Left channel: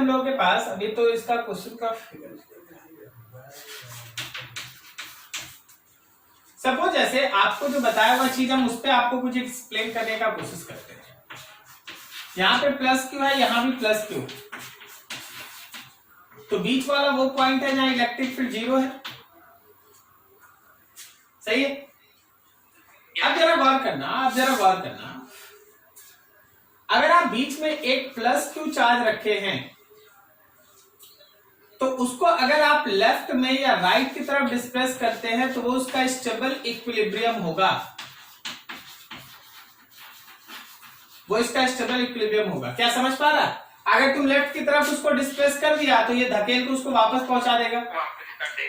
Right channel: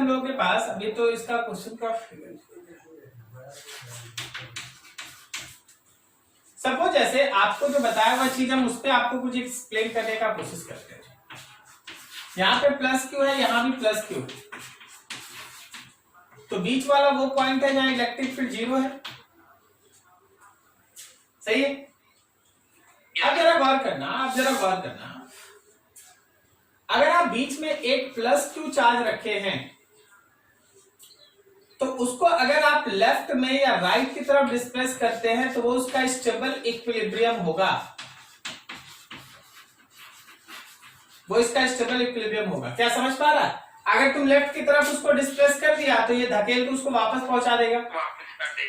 हम लोगों के पास अभी तो इसका क्वेश्चन का सपोज जैसे आपको जो बताया हुआ चीज हम उस पर आपको कुछ एक्सप्लेन करने का कोशिश करते हैं। यहाँ पे प्लस क्यू है, यहाँ भी प्लस क्यू, तो बीच वाला वो पॉइंट है जहां इलेक्ट्रिक फील्ड 0 है, सही है। अब जरा गौर करना, अगर आप बीच में एक प्लस क्यू चार्ज रखे हैं तो उसको अगर आप लेफ्ट में या राइट की तरफ डिस्प्लेस करते हैं तो वो उसका स्टेबल इक्विलिब्रियम होगा, क्या समझ पा रहा है? अगर तुम लेफ्ट की तरफ उसको डिस्प्लेस कर दिया तो ये धकेल के उसको वापस पहुंचा देगा,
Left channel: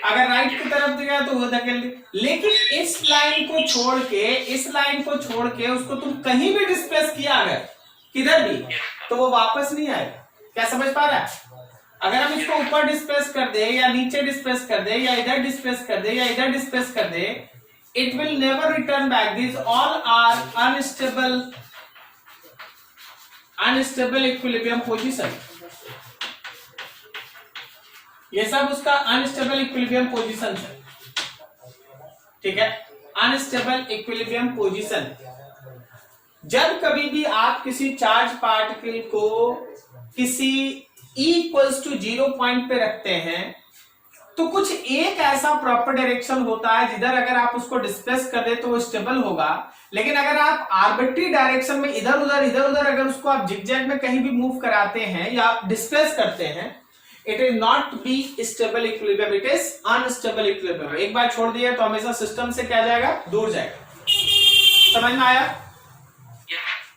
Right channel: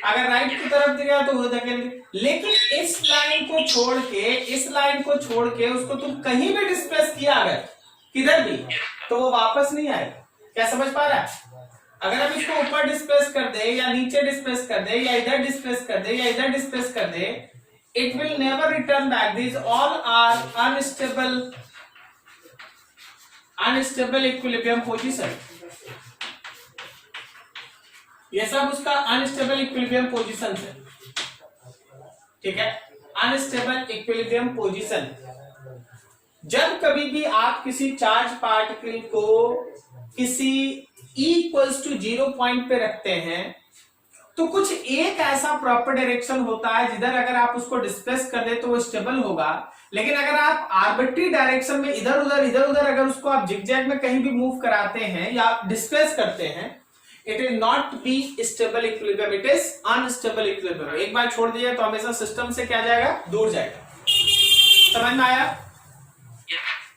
अगर राइट की तरफ दिया तो वो धकेल दे। लेकिन इस लाइन को छोड़ के उसको तुम कहीं भी डिस्प्लेस किया अगर किधर भी, तो वो वापस नहीं आएगा। क्या समझ पा रहा है? अगर हम इसको ऊपर डिस्प्लेस कर दे या नीचे डिस्प्लेस कर दे या इधर डिस्प्लेस कर दे या इधर डिस्प्लेस कर दे, it will never return back. This all are unstable equilibrium position. ये सब उसका अनस्टेबल इक्विलिब्रियम पोजीशन है, ठीक है। अनस्टेबल इक्विलिब्रियम पोजीशन, जब कभी भी आप किसी चार्ज पार्टिकल को किसी E=0 पॉइंट पे रखते हैं तो कुछ एक ऐसा प्रॉपर डायरेक्शन होता है जिधर अगर आप उसको डिस्प्लेस कर दे तो वो स्टेबल होगा। लेकिन अगर आप आर्बिट्री डायरेक्शन में इधर उधर अगर उसको आप जिगजैग में कहीं भी मूव कराते हैं या आप डिस्प्लेस करते हैं, it will not be stable equilibrium, it is unstable equilibrium. एक बार छोड़ दिया तो हमेशा सिस्टम से क्या जाएगा, दूर जाएगा। समझ में आया?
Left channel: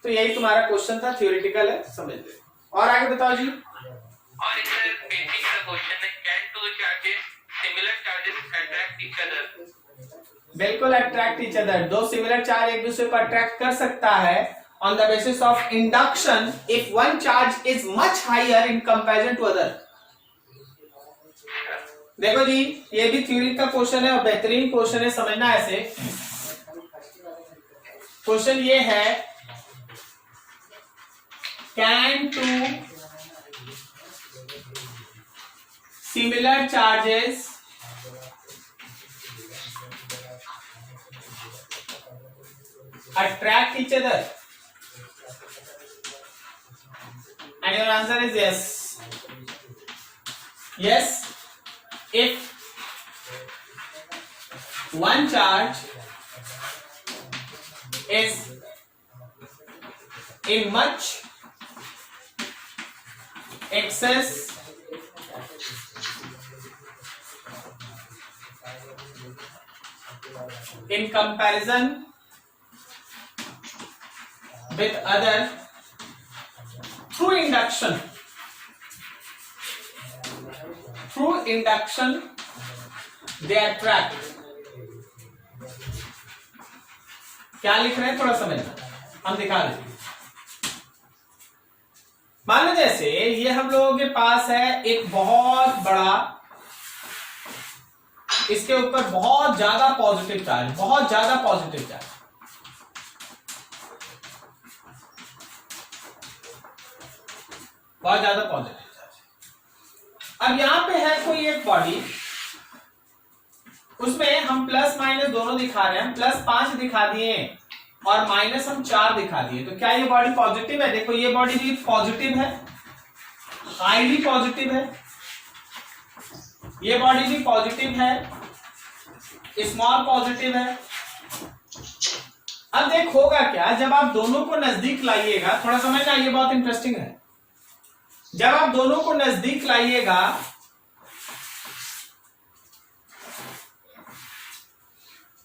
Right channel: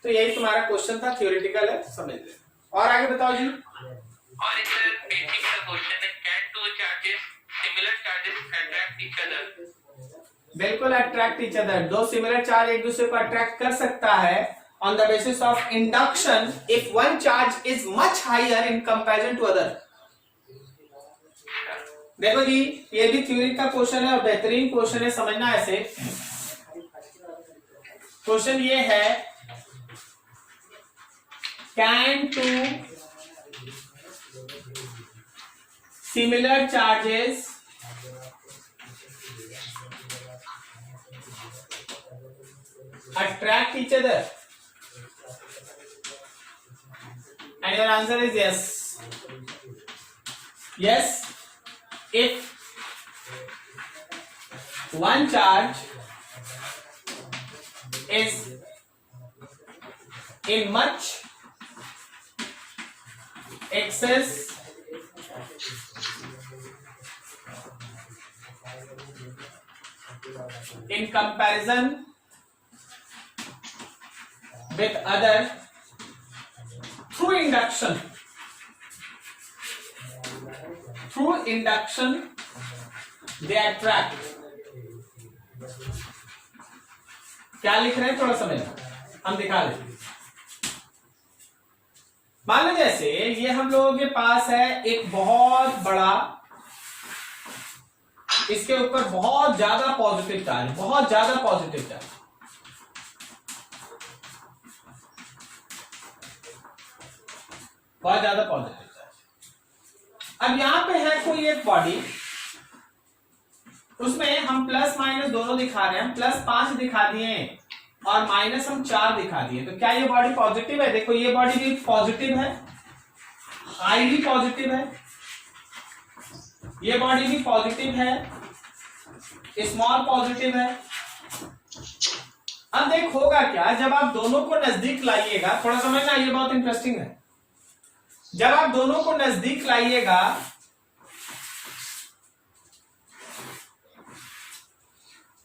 तो यही तुम्हारा क्वेश्चन था, थियोरेटिकल है, समझ लो। और आगे बताओ जी। और इसमें बेसिक सा क्वेश्चन है, can two charges similar charges attract each other? बिल्कुल अट्रैक्ट ईच अदर, दो सिमिलर चार्ज एक दूसरे को अट्रैक्ट कर सकता है on the basis of induction if one charge is much higher in comparison to other. देखो जी, ये भी थ्योरी का क्वेश्चन है और बेहतरीन क्वेश्चन है, समझना ऐसे। क्वेश्चन ये है, can two similar charges attract each other? And your answer is yes. Yes, if one charge is in much excess in comparison with other through induction they attract। क्या लिख रहे हैं थोड़ा समझना, हम दिखा रहे हैं। मान लो जैसे ये हम लोगों के पास है एक बहुत बड़ा, इसके ऊपर बहुत ज्यादा पॉजिटिव चार्ज, बहुत ज्यादा पॉजिटिव चार्ज, बहुत ज्यादा पॉजिटिव चार्ज। अब यहां पे है कोई एक बॉडी, उसमें हम प्लस माइनस दोनों दिखा रहे हैं, +5 दिखा दिए और माइनस हम 4 दिखा दिए, तो क्या ये बॉडी पॉजिटिव है? देखो ये बॉडी भी पॉजिटिव है, हाईली पॉजिटिव है, ये बॉडी भी पॉजिटिव है, स्मॉल पॉजिटिव है। अब देख होगा क्या, जब आप दोनों को नजदीक लाइएगा, थोड़ा समझना ये बहुत इंटरेस्टिंग है, जब आप दोनों को नजदीक लाइएगा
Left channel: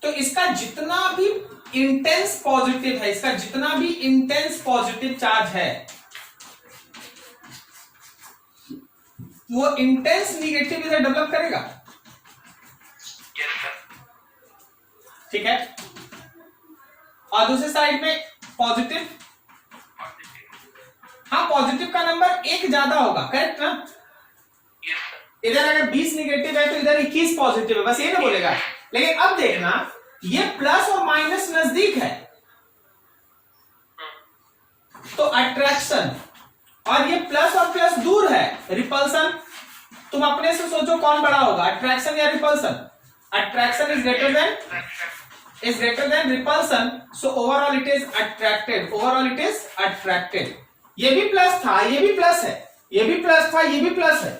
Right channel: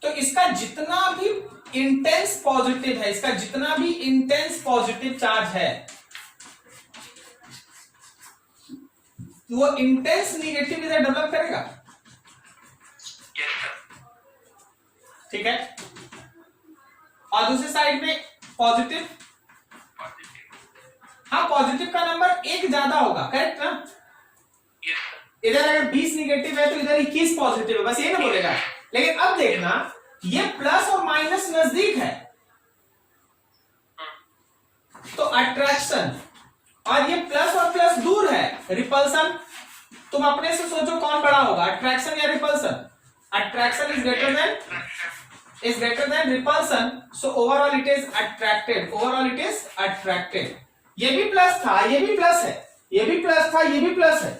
तो इसका जितना भी इंटेंस पॉजिटिव है, इसका जितना भी इंटेंस पॉजिटिव चार्ज है, वो इंटेंस निगेटिव इधर डेवलप करेगा, ठीक है। और दूसरी साइड में पॉजिटिव, हाँ पॉजिटिव का नंबर 1 ज्यादा होगा, करेक्ट ना? इधर अगर 20 निगेटिव है तो इधर 21 पॉजिटिव है, बस ये ना बोलेगा। लेकिन अब देखना, ये प्लस और माइनस नजदीक है तो अट्रैक्शन, और ये प्लस और प्लस दूर है रिपल्सन, तुम अपने से सोचो कौन बड़ा होगा, अट्रैक्शन या repulsion? Attraction is greater than repulsion, so overall it is attracted, overall it is attracted. ये भी प्लस था, ये भी प्लस है, ये भी प्लस था, ये भी प्लस है,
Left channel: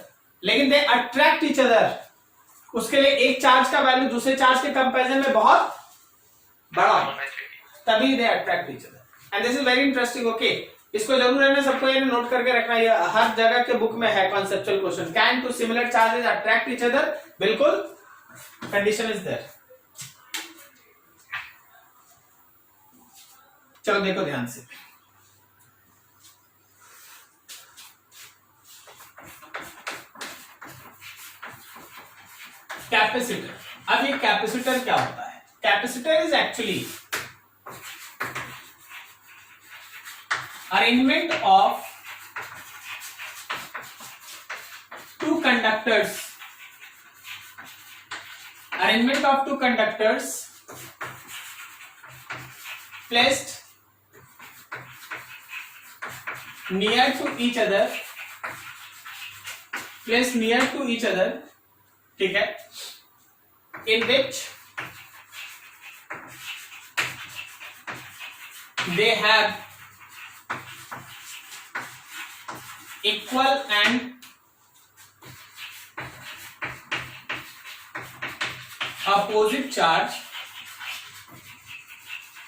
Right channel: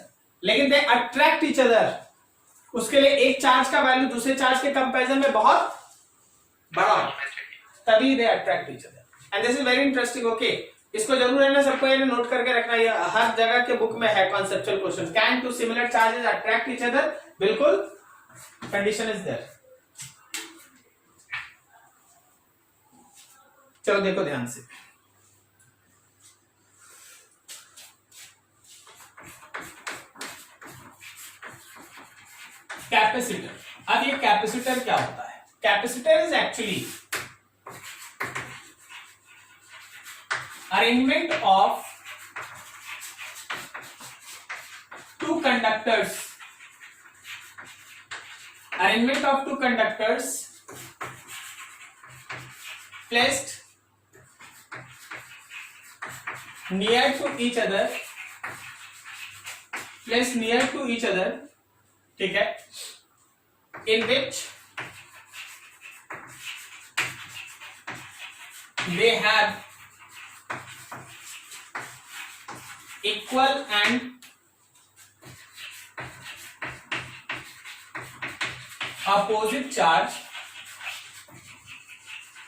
लेकिन दे अट्रैक्ट ईच अदर। उसके लिए एक चार्ज का वैल्यू दूसरे चार्ज के कंपैरिजन में बहुत बड़ा हो, तभी they attract each other. And this is very interesting. Okay, इसको जरूर है ना सबको ये नोट करके रखना, ये हर जगह के बुक में है conceptual question. Can two similar charges attract each other? बिल्कुल, कंडीशन इज देयर। चलो देखो ध्यान से, कैपेसिटर। अब ये कैपेसिटर क्या होता है? Capacitor is actually arrangement of two conductors, arrangement of two conductors placed near to each other, ठीक है, in which they have equal and opposite charge,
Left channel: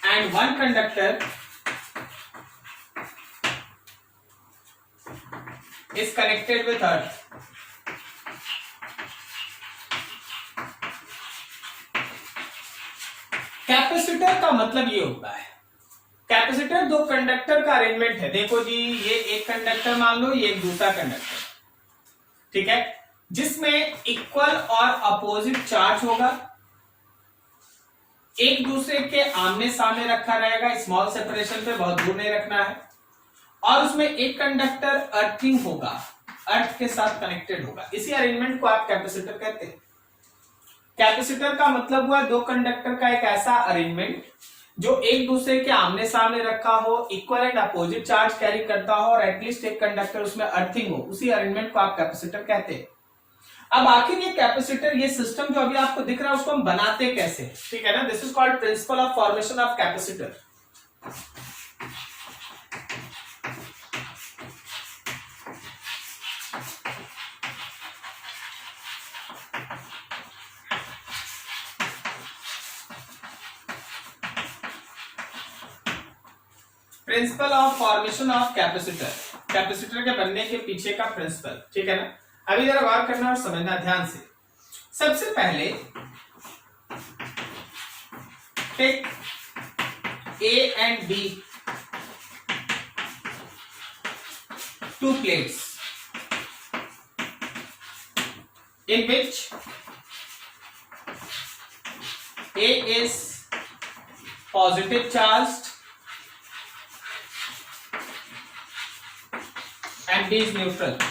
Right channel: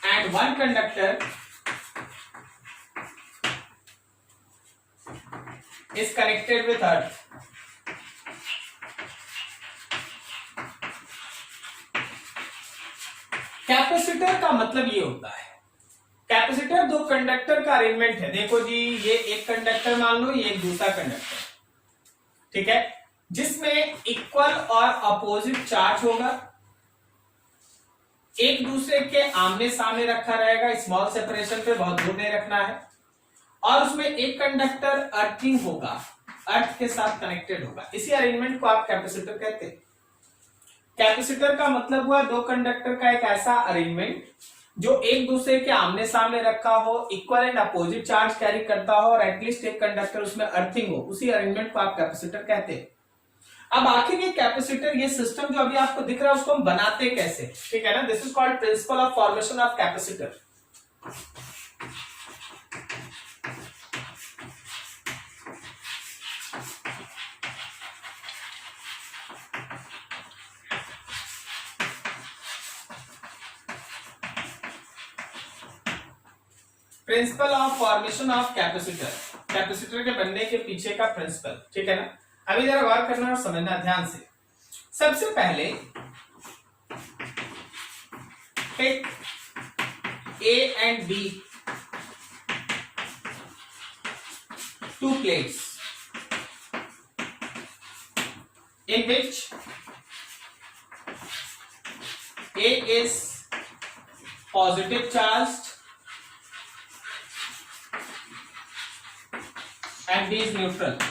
and one conductor is connected with earth. Capacitor का मतलब ये होता है, capacitor दो conductor का arrangement है। देखो जी, ये एक कंडक्टर मान लो, ये एक दूसरा कंडक्टर, ठीक है, जिसमें इक्वल और अपोजिट चार्ज होगा, एक दूसरे के आमने सामने रखा रहेगा, स्मॉल सेपरेशन पे, बहुत दूर नहीं रखना है, और उसमें एक कंडक्टर अर्थिंग होगा, अर्थ के साथ कनेक्टेड होगा। इसी अरेंजमेंट को आप कैपेसिटर कहते हैं। कैपेसिटर का मतलब हुआ दो कंडक्टर का एक ऐसा अरेंजमेंट जो एक दूसरे के आमने सामने रखा हो, equal and opposite charge carry करता हो, और एटलीस्ट एक कंडक्टर उसमें अर्थिंग हो, उसी अरेंजमेंट को आप कैपेसिटर कहते हैं। अब आखिर ये कैपेसिटर, ये सिस्टम जो अभी आपको दिख रहा है, उसको हम बनाते कैसे, ठीक है ना? This is called principle of formation of capacitor. Principle of formation of capacitor, capacitor के बनने के पीछे का प्रिंसिपल, ठीक है ना? अभी जरा गौर करना और समझना ध्यान से। सबसे पहले take A and B, two plates in which A is positive charged and B is neutral।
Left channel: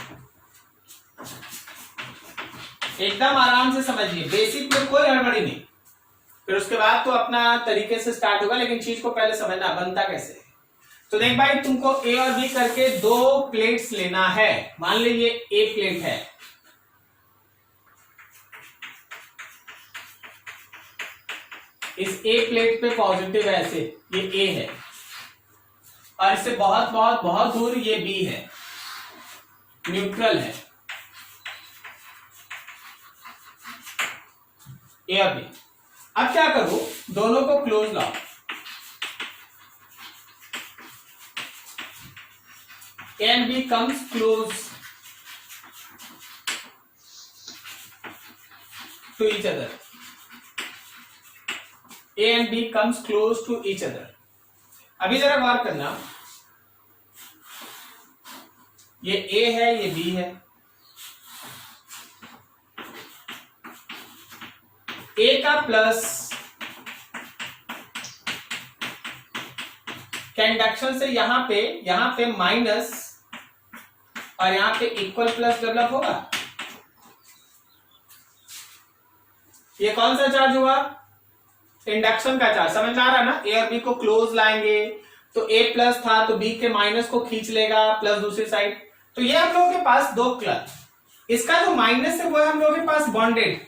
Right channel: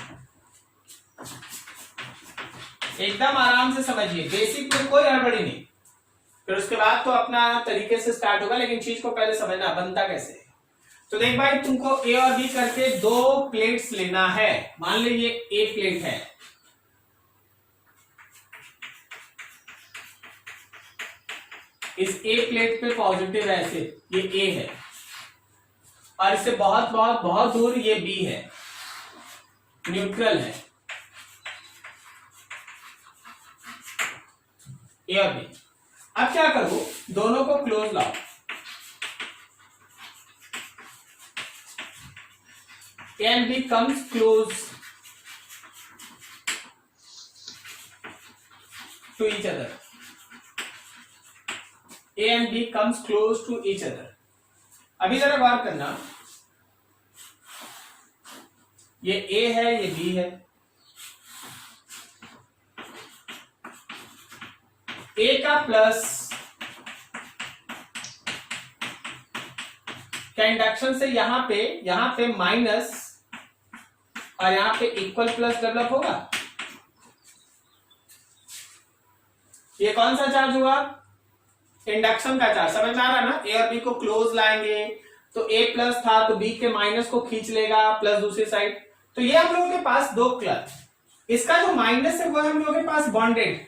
एकदम आराम से समझिए, बेसिक में कोई गड़बड़ी नहीं, फिर उसके बाद तो अपना तरीके से स्टार्ट होगा, लेकिन चीज को पहले समझना बनता कैसे है। तो देख भाई, तुमको ए और बी करके दो प्लेट्स लेना है। मान लीजिए ए प्लेट है, इस ए प्लेट पे पॉजिटिव है, ऐसे ये ए है, और इससे बहुत बहुत बहुत दूर ये बी है, न्यूट्रल है, ए और बी। अब क्या करो, दोनों को क्लोज लाओ, A and B comes close to each other, A and B comes close to each other. अभी जरा गौर करना, ये ए है, ये बी है, ए का प्लस कंडक्शन से यहां पे माइनस, और यहां पे इक्वल प्लस डेवलप होगा। ये कौन सा चार्ज हुआ? इंडक्शन का चार्ज। समझ में आ रहा है ना? ए और बी को क्लोज लाएंगे तो ए प्लस था तो बी के माइनस को खींच लेगा, प्लस दूसरी साइड, तो ये हम लोगों के पास दो क्लब, इसका जो माइनस है वो है हम लोगों के पास बॉन्डेड,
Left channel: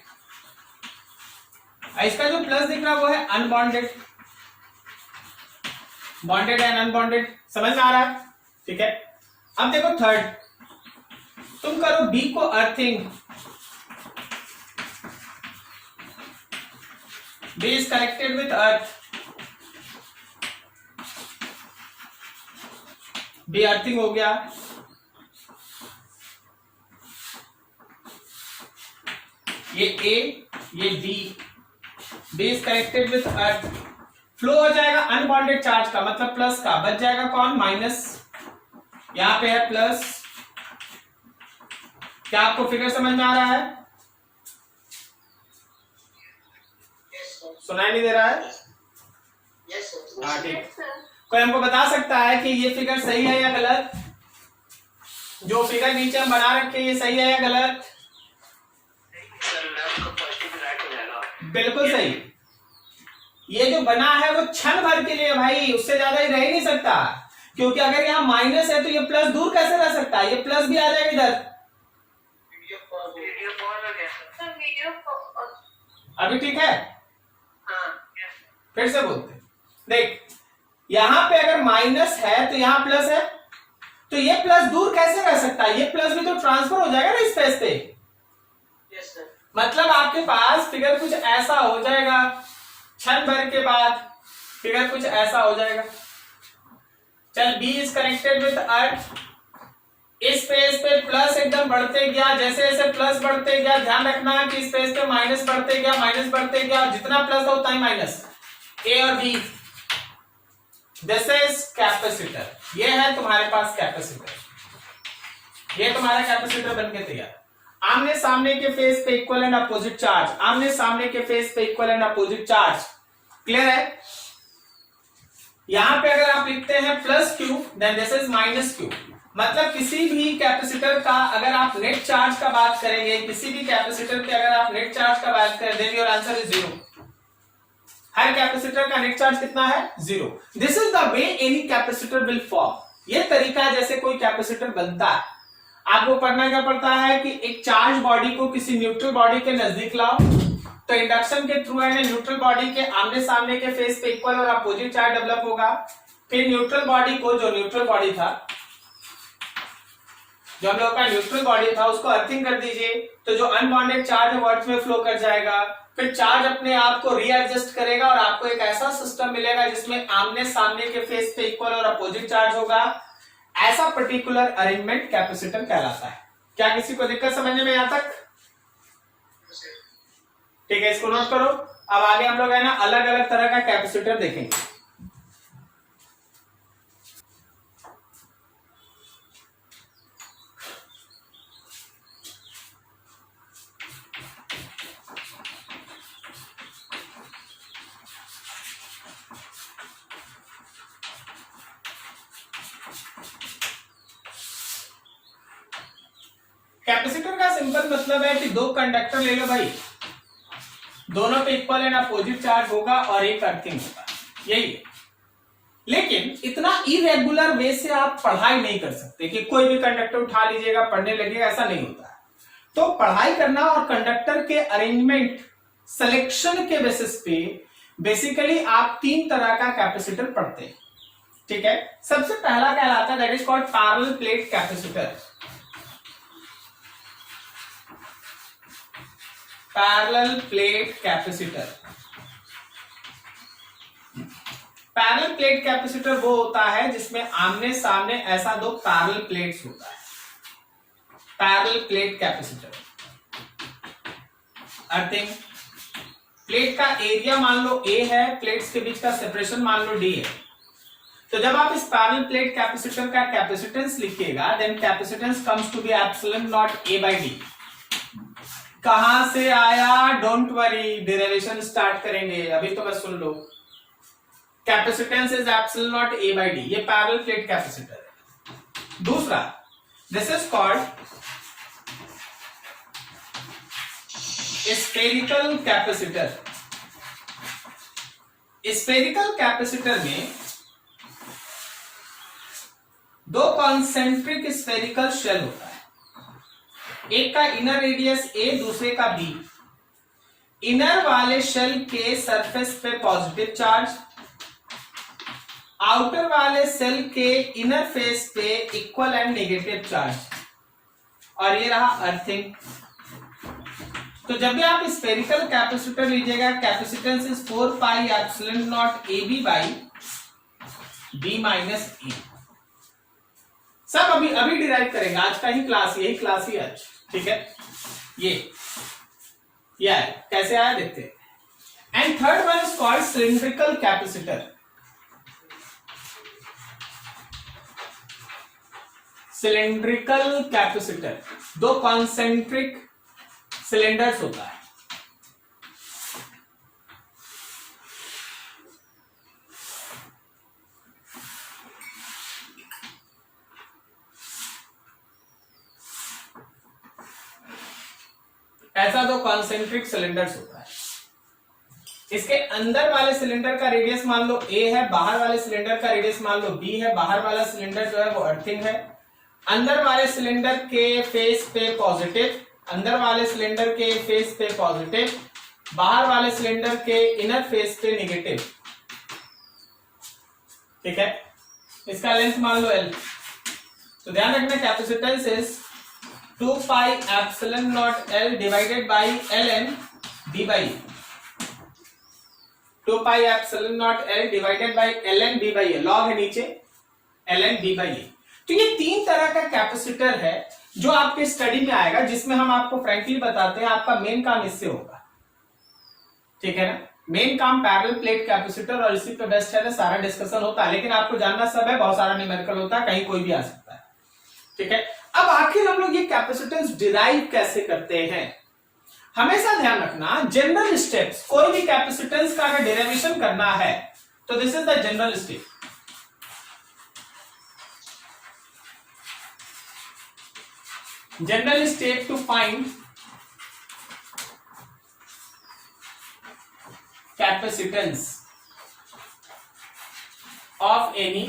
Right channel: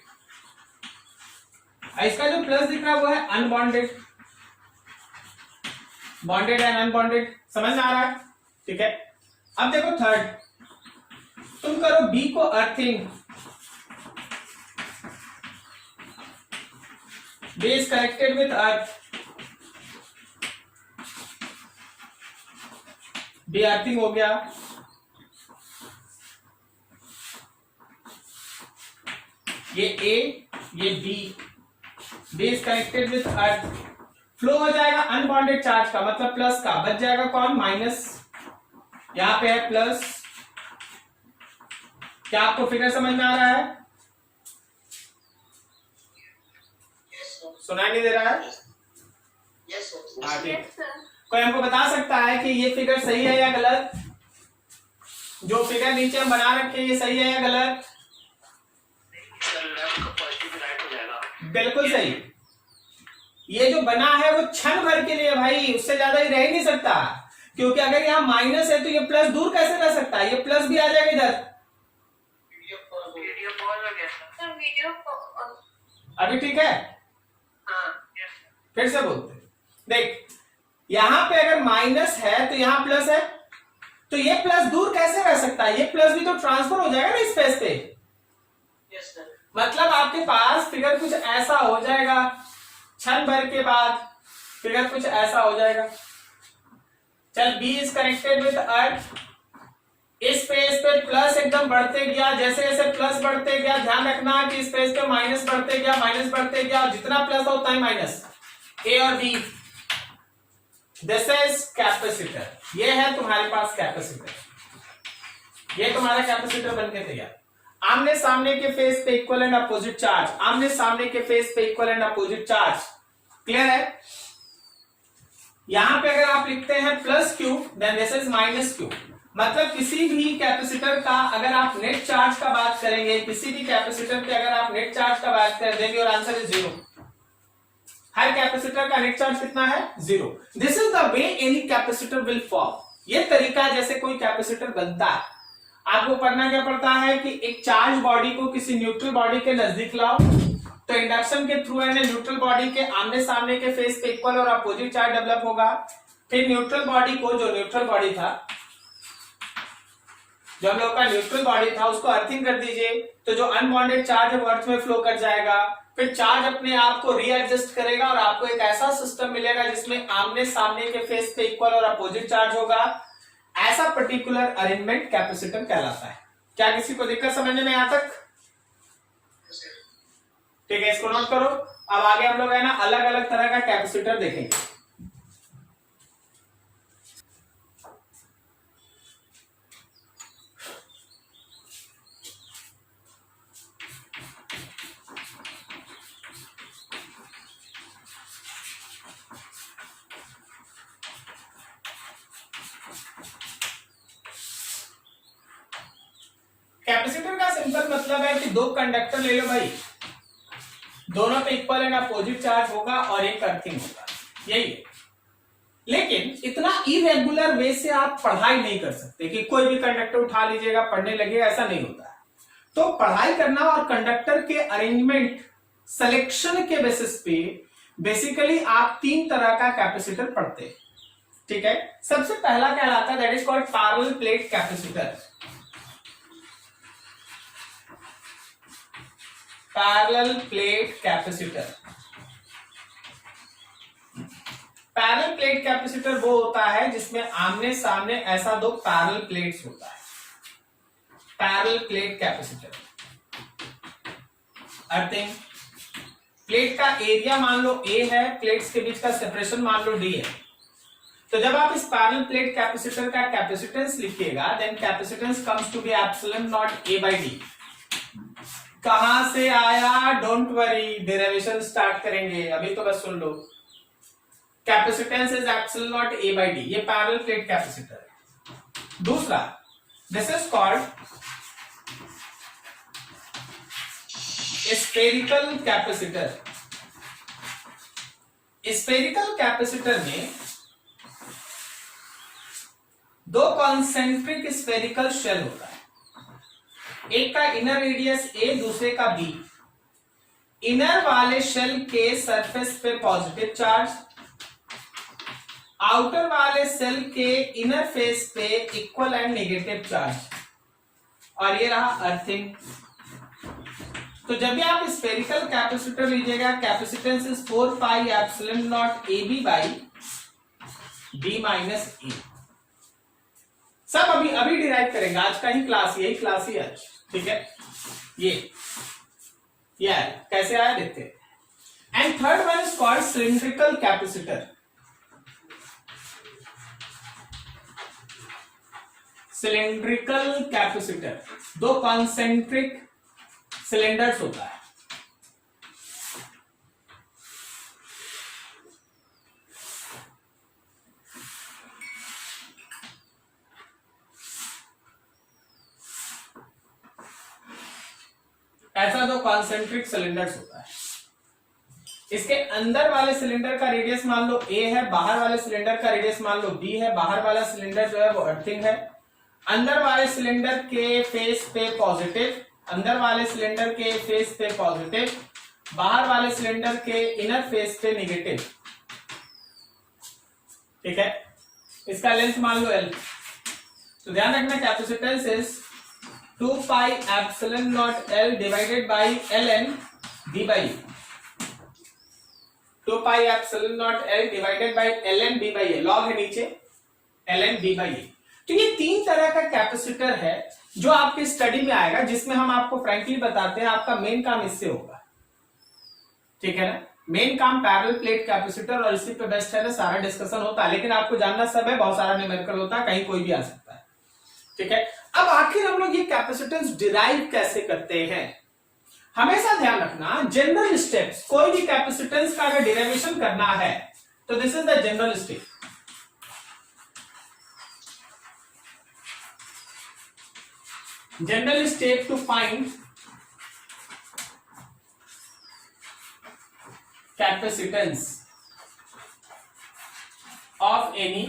इसका जो प्लस दिख रहा है वो है अनबॉन्डेड, बॉन्डेड एंड अनबॉन्डेड, समझ में आ रहा है? ठीक है, अब देखो थर्ड, तुम करो बी को earthing, B is connected with earth, B earthing हो गया, ये ए ये B is connected with earth, flow हो जाएगा अनबॉन्डेड चार्ज का, मतलब प्लस का, बच जाएगा कौन? माइनस, यहां पे है प्लस। क्या आपको फिगर समझ में आ रहा है? सुनाई नहीं दे रहा है? हाँ ठीक। कोई हमको बता सकता है कि ये फिगर सही है या गलत? जो फिगर नीचे हम बना रखे हैं ये सही है या गलत? बिल्कुल सही। ये जो बना है वो क्षण भर के लिए भाई, उससे ज्यादा ही रह ही नहीं सकता, क्योंकि अगर यहाँ माइनस है तो ये प्लस दूर कैसे रह सकता है? ये प्लस भी आ जाएगा इधर। अभी ठीक है? फिर से बोलते, देख यहां पे अगर माइनस है तो यहां प्लस है, तो ये प्लस दूर कैसे रह सकता है? ये प्लस भी तो ट्रांसफर हो जाएगा ना स्पेस पे। मतलब आपके पास फिगर कुछ ऐसा हो जाएगा, क्षण भर के बाद फिगर कुछ ऐसा हो जाएगा। चल B is connected with earth, इस पेज पे प्लस एकदम बढ़ते गया, जैसे जैसे प्लस बढ़ते गया, ध्यान रखना कि इस पेज पे माइनस बढ़ते गया, माइनस बढ़ते गया, जितना प्लस था उतना ही माइनस, ए और बी। दिस इज कैपेसिटर, ये है तुम्हारे पास कैपेसिटर, ये तुम्हारा कैपेसिटर बन के तैयार। आमने सामने के फेस पे इक्वल एंड अपोजिट चार्ज, आमने सामने के फेस पे equal and opposite charge, clear है? यहां पे अगर आप लिखते हैं plus Q, then this is minus Q. मतलब किसी भी कैपेसिटर का अगर आप नेट चार्ज का बात करेंगे, किसी भी कैपेसिटर के अगर आप नेट चार्ज का बात करें, देन योर आंसर इज 0। हर कैपेसिटर का नेट चार्ज कितना है? 0। This is the way any capacitor will form. ये तरीका है जैसे कोई कैपेसिटर बनता है। आपको पढ़ना क्या पड़ता है कि एक चार्ज बॉडी को किसी न्यूट्रल बॉडी के नजदीक लाओ, तो इंडक्शन के थ्रू एंड न्यूट्रल बॉडी के आमने सामने के फेस पे इक्वल और अपोजिट चार्ज डेवलप होगा। फिर न्यूट्रल बॉडी को, जो न्यूट्रल बॉडी था, जो हम लोग का न्यूट्रल बॉडी था, उसको अर्थिंग कर दीजिए, तो जो अनबॉन्डेड चार्ज है वो अर्थ में फ्लो कर जाएगा। फिर चार्ज अपने आप को रीएडजस्ट करेगा और आपको एक ऐसा सिस्टम मिलेगा जिसमें आमने सामने के फेस पे इक्वल और अपोजिट चार्ज होगा। ऐसा पर्टिकुलर अरेंजमेंट कैपेसिटर कहलाता है। क्या किसी को दिक्कत समझने में यहां तक? ठीक है, इसको नोट करो। अब आगे हम लोग है ना अलग अलग तरह का कैपेसिटर देखेंगे। कैपेसिटर का सिंपल मतलब है कि दो कंडक्टर ले लो भाई, दोनों पे इक्वल एंड अपोजिट चार्ज होगा और एक अर्थिंग होगा, यही है। लेकिन इतना इरेगुलर वे से आप पढ़ाई नहीं कर सकते कि कोई भी कंडक्टर उठा लीजिएगा पढ़ने लगेगा, ऐसा नहीं होता है। तो पढ़ाई करना और कंडक्टर के अरेंजमेंट सिलेक्शन के बेसिस पे बेसिकली आप तीन तरह का कैपेसिटर पढ़ते हैं। ठीक है, सबसे पहला कहलाता है that is called parallel plate capacitor. Parallel plate capacitor, parallel plate capacitor वो होता है जिसमें आमने सामने ऐसा दो पैरेलल प्लेट्स होता है, parallel plate capacitor. Earthing, plate का एरिया मान लो A है, प्लेट्स के बीच का सेपरेशन मान लो D है। तो जब आप इस पैरेलल प्लेट कैपेसिटर का कैपेसिटेंस लिखिएगा, then capacitance comes to be epsilon naught A by D। कहां से आया? डोंट वरी, डेरिवेशन स्टार्ट करेंगे, अभी तो बस सुन लो। Capacitance is epsilon naught A by D, ये पैरेलल प्लेट कैपेसिटर है। दूसरा, this is called spherical capacitor. Spherical capacitor में दो कॉन्सेंट्रिक स्फेरिकल शेल होता है, एक का इनर रेडियस ए, दूसरे का बी। इनर वाले शेल के सरफेस पे पॉजिटिव चार्ज, आउटर वाले सेल के इनर फेस पे इक्वल एंड नेगेटिव चार्ज, और ये रहा अर्थिंग। तो जब भी आप स्फेरिकल कैपेसिटर लीजिएगा, capacitance is 4 pi epsilon naught A B by B minus A. सब अभी डिराइव करेंगे, आज का ही क्लास, यही क्लास ही आज, ठीक है। ये है, कैसे आया देखते हैं। And third one is called cylindrical capacitor. Cylindrical capacitor दो कॉन्सेंट्रिक सिलेंडर्स होता है। ऐसा दो कॉन्सेंट्रिक सिलेंडर्स होता है। इसके अंदर वाले सिलेंडर का रेडियस मान लो ए है, बाहर वाले सिलेंडर का रेडियस मान लो बी है। बाहर वाला सिलेंडर जो है वो अर्थिंग है। अंदर वाले सिलेंडर के फेस पे पॉजिटिव, अंदर वाले सिलेंडर के फेस पे पॉजिटिव, बाहर वाले सिलेंडर के इनर फेस पे नेगेटिव, ठीक है। इसका लेंथ मान लो एल। तो ध्यान रखना capacitance is 2 pi epsilon naught L divided by L N B by, 2 pi epsilon naught L divided by L N B by A, log है नीचे L N B by A. तो ये तीन तरह का कैपेसिटर है जो आपके स्टडी में आएगा, जिसमें हम आपको फ्रैंकली बताते हैं आपका मेन काम इससे होगा, ठीक है ना। मेन काम पैरेलल प्लेट कैपेसिटर, और इसी पे बेस्ट है ना सारा डिस्कशन होता है, लेकिन आपको जानना सब है, बहुत सारा न्यूमेरिकल होता है, कहीं कोई भी आ सकता है, ठीक है। अब आखिर हम लोग ये कैपेसिटेंस डिराइव कैसे करते हैं, हमेशा ध्यान रखना जनरल स्टेप्स, कोई भी कैपेसिटेंस का अगर डेरिवेशन करना है तो this is the general step. General step to find capacitance of any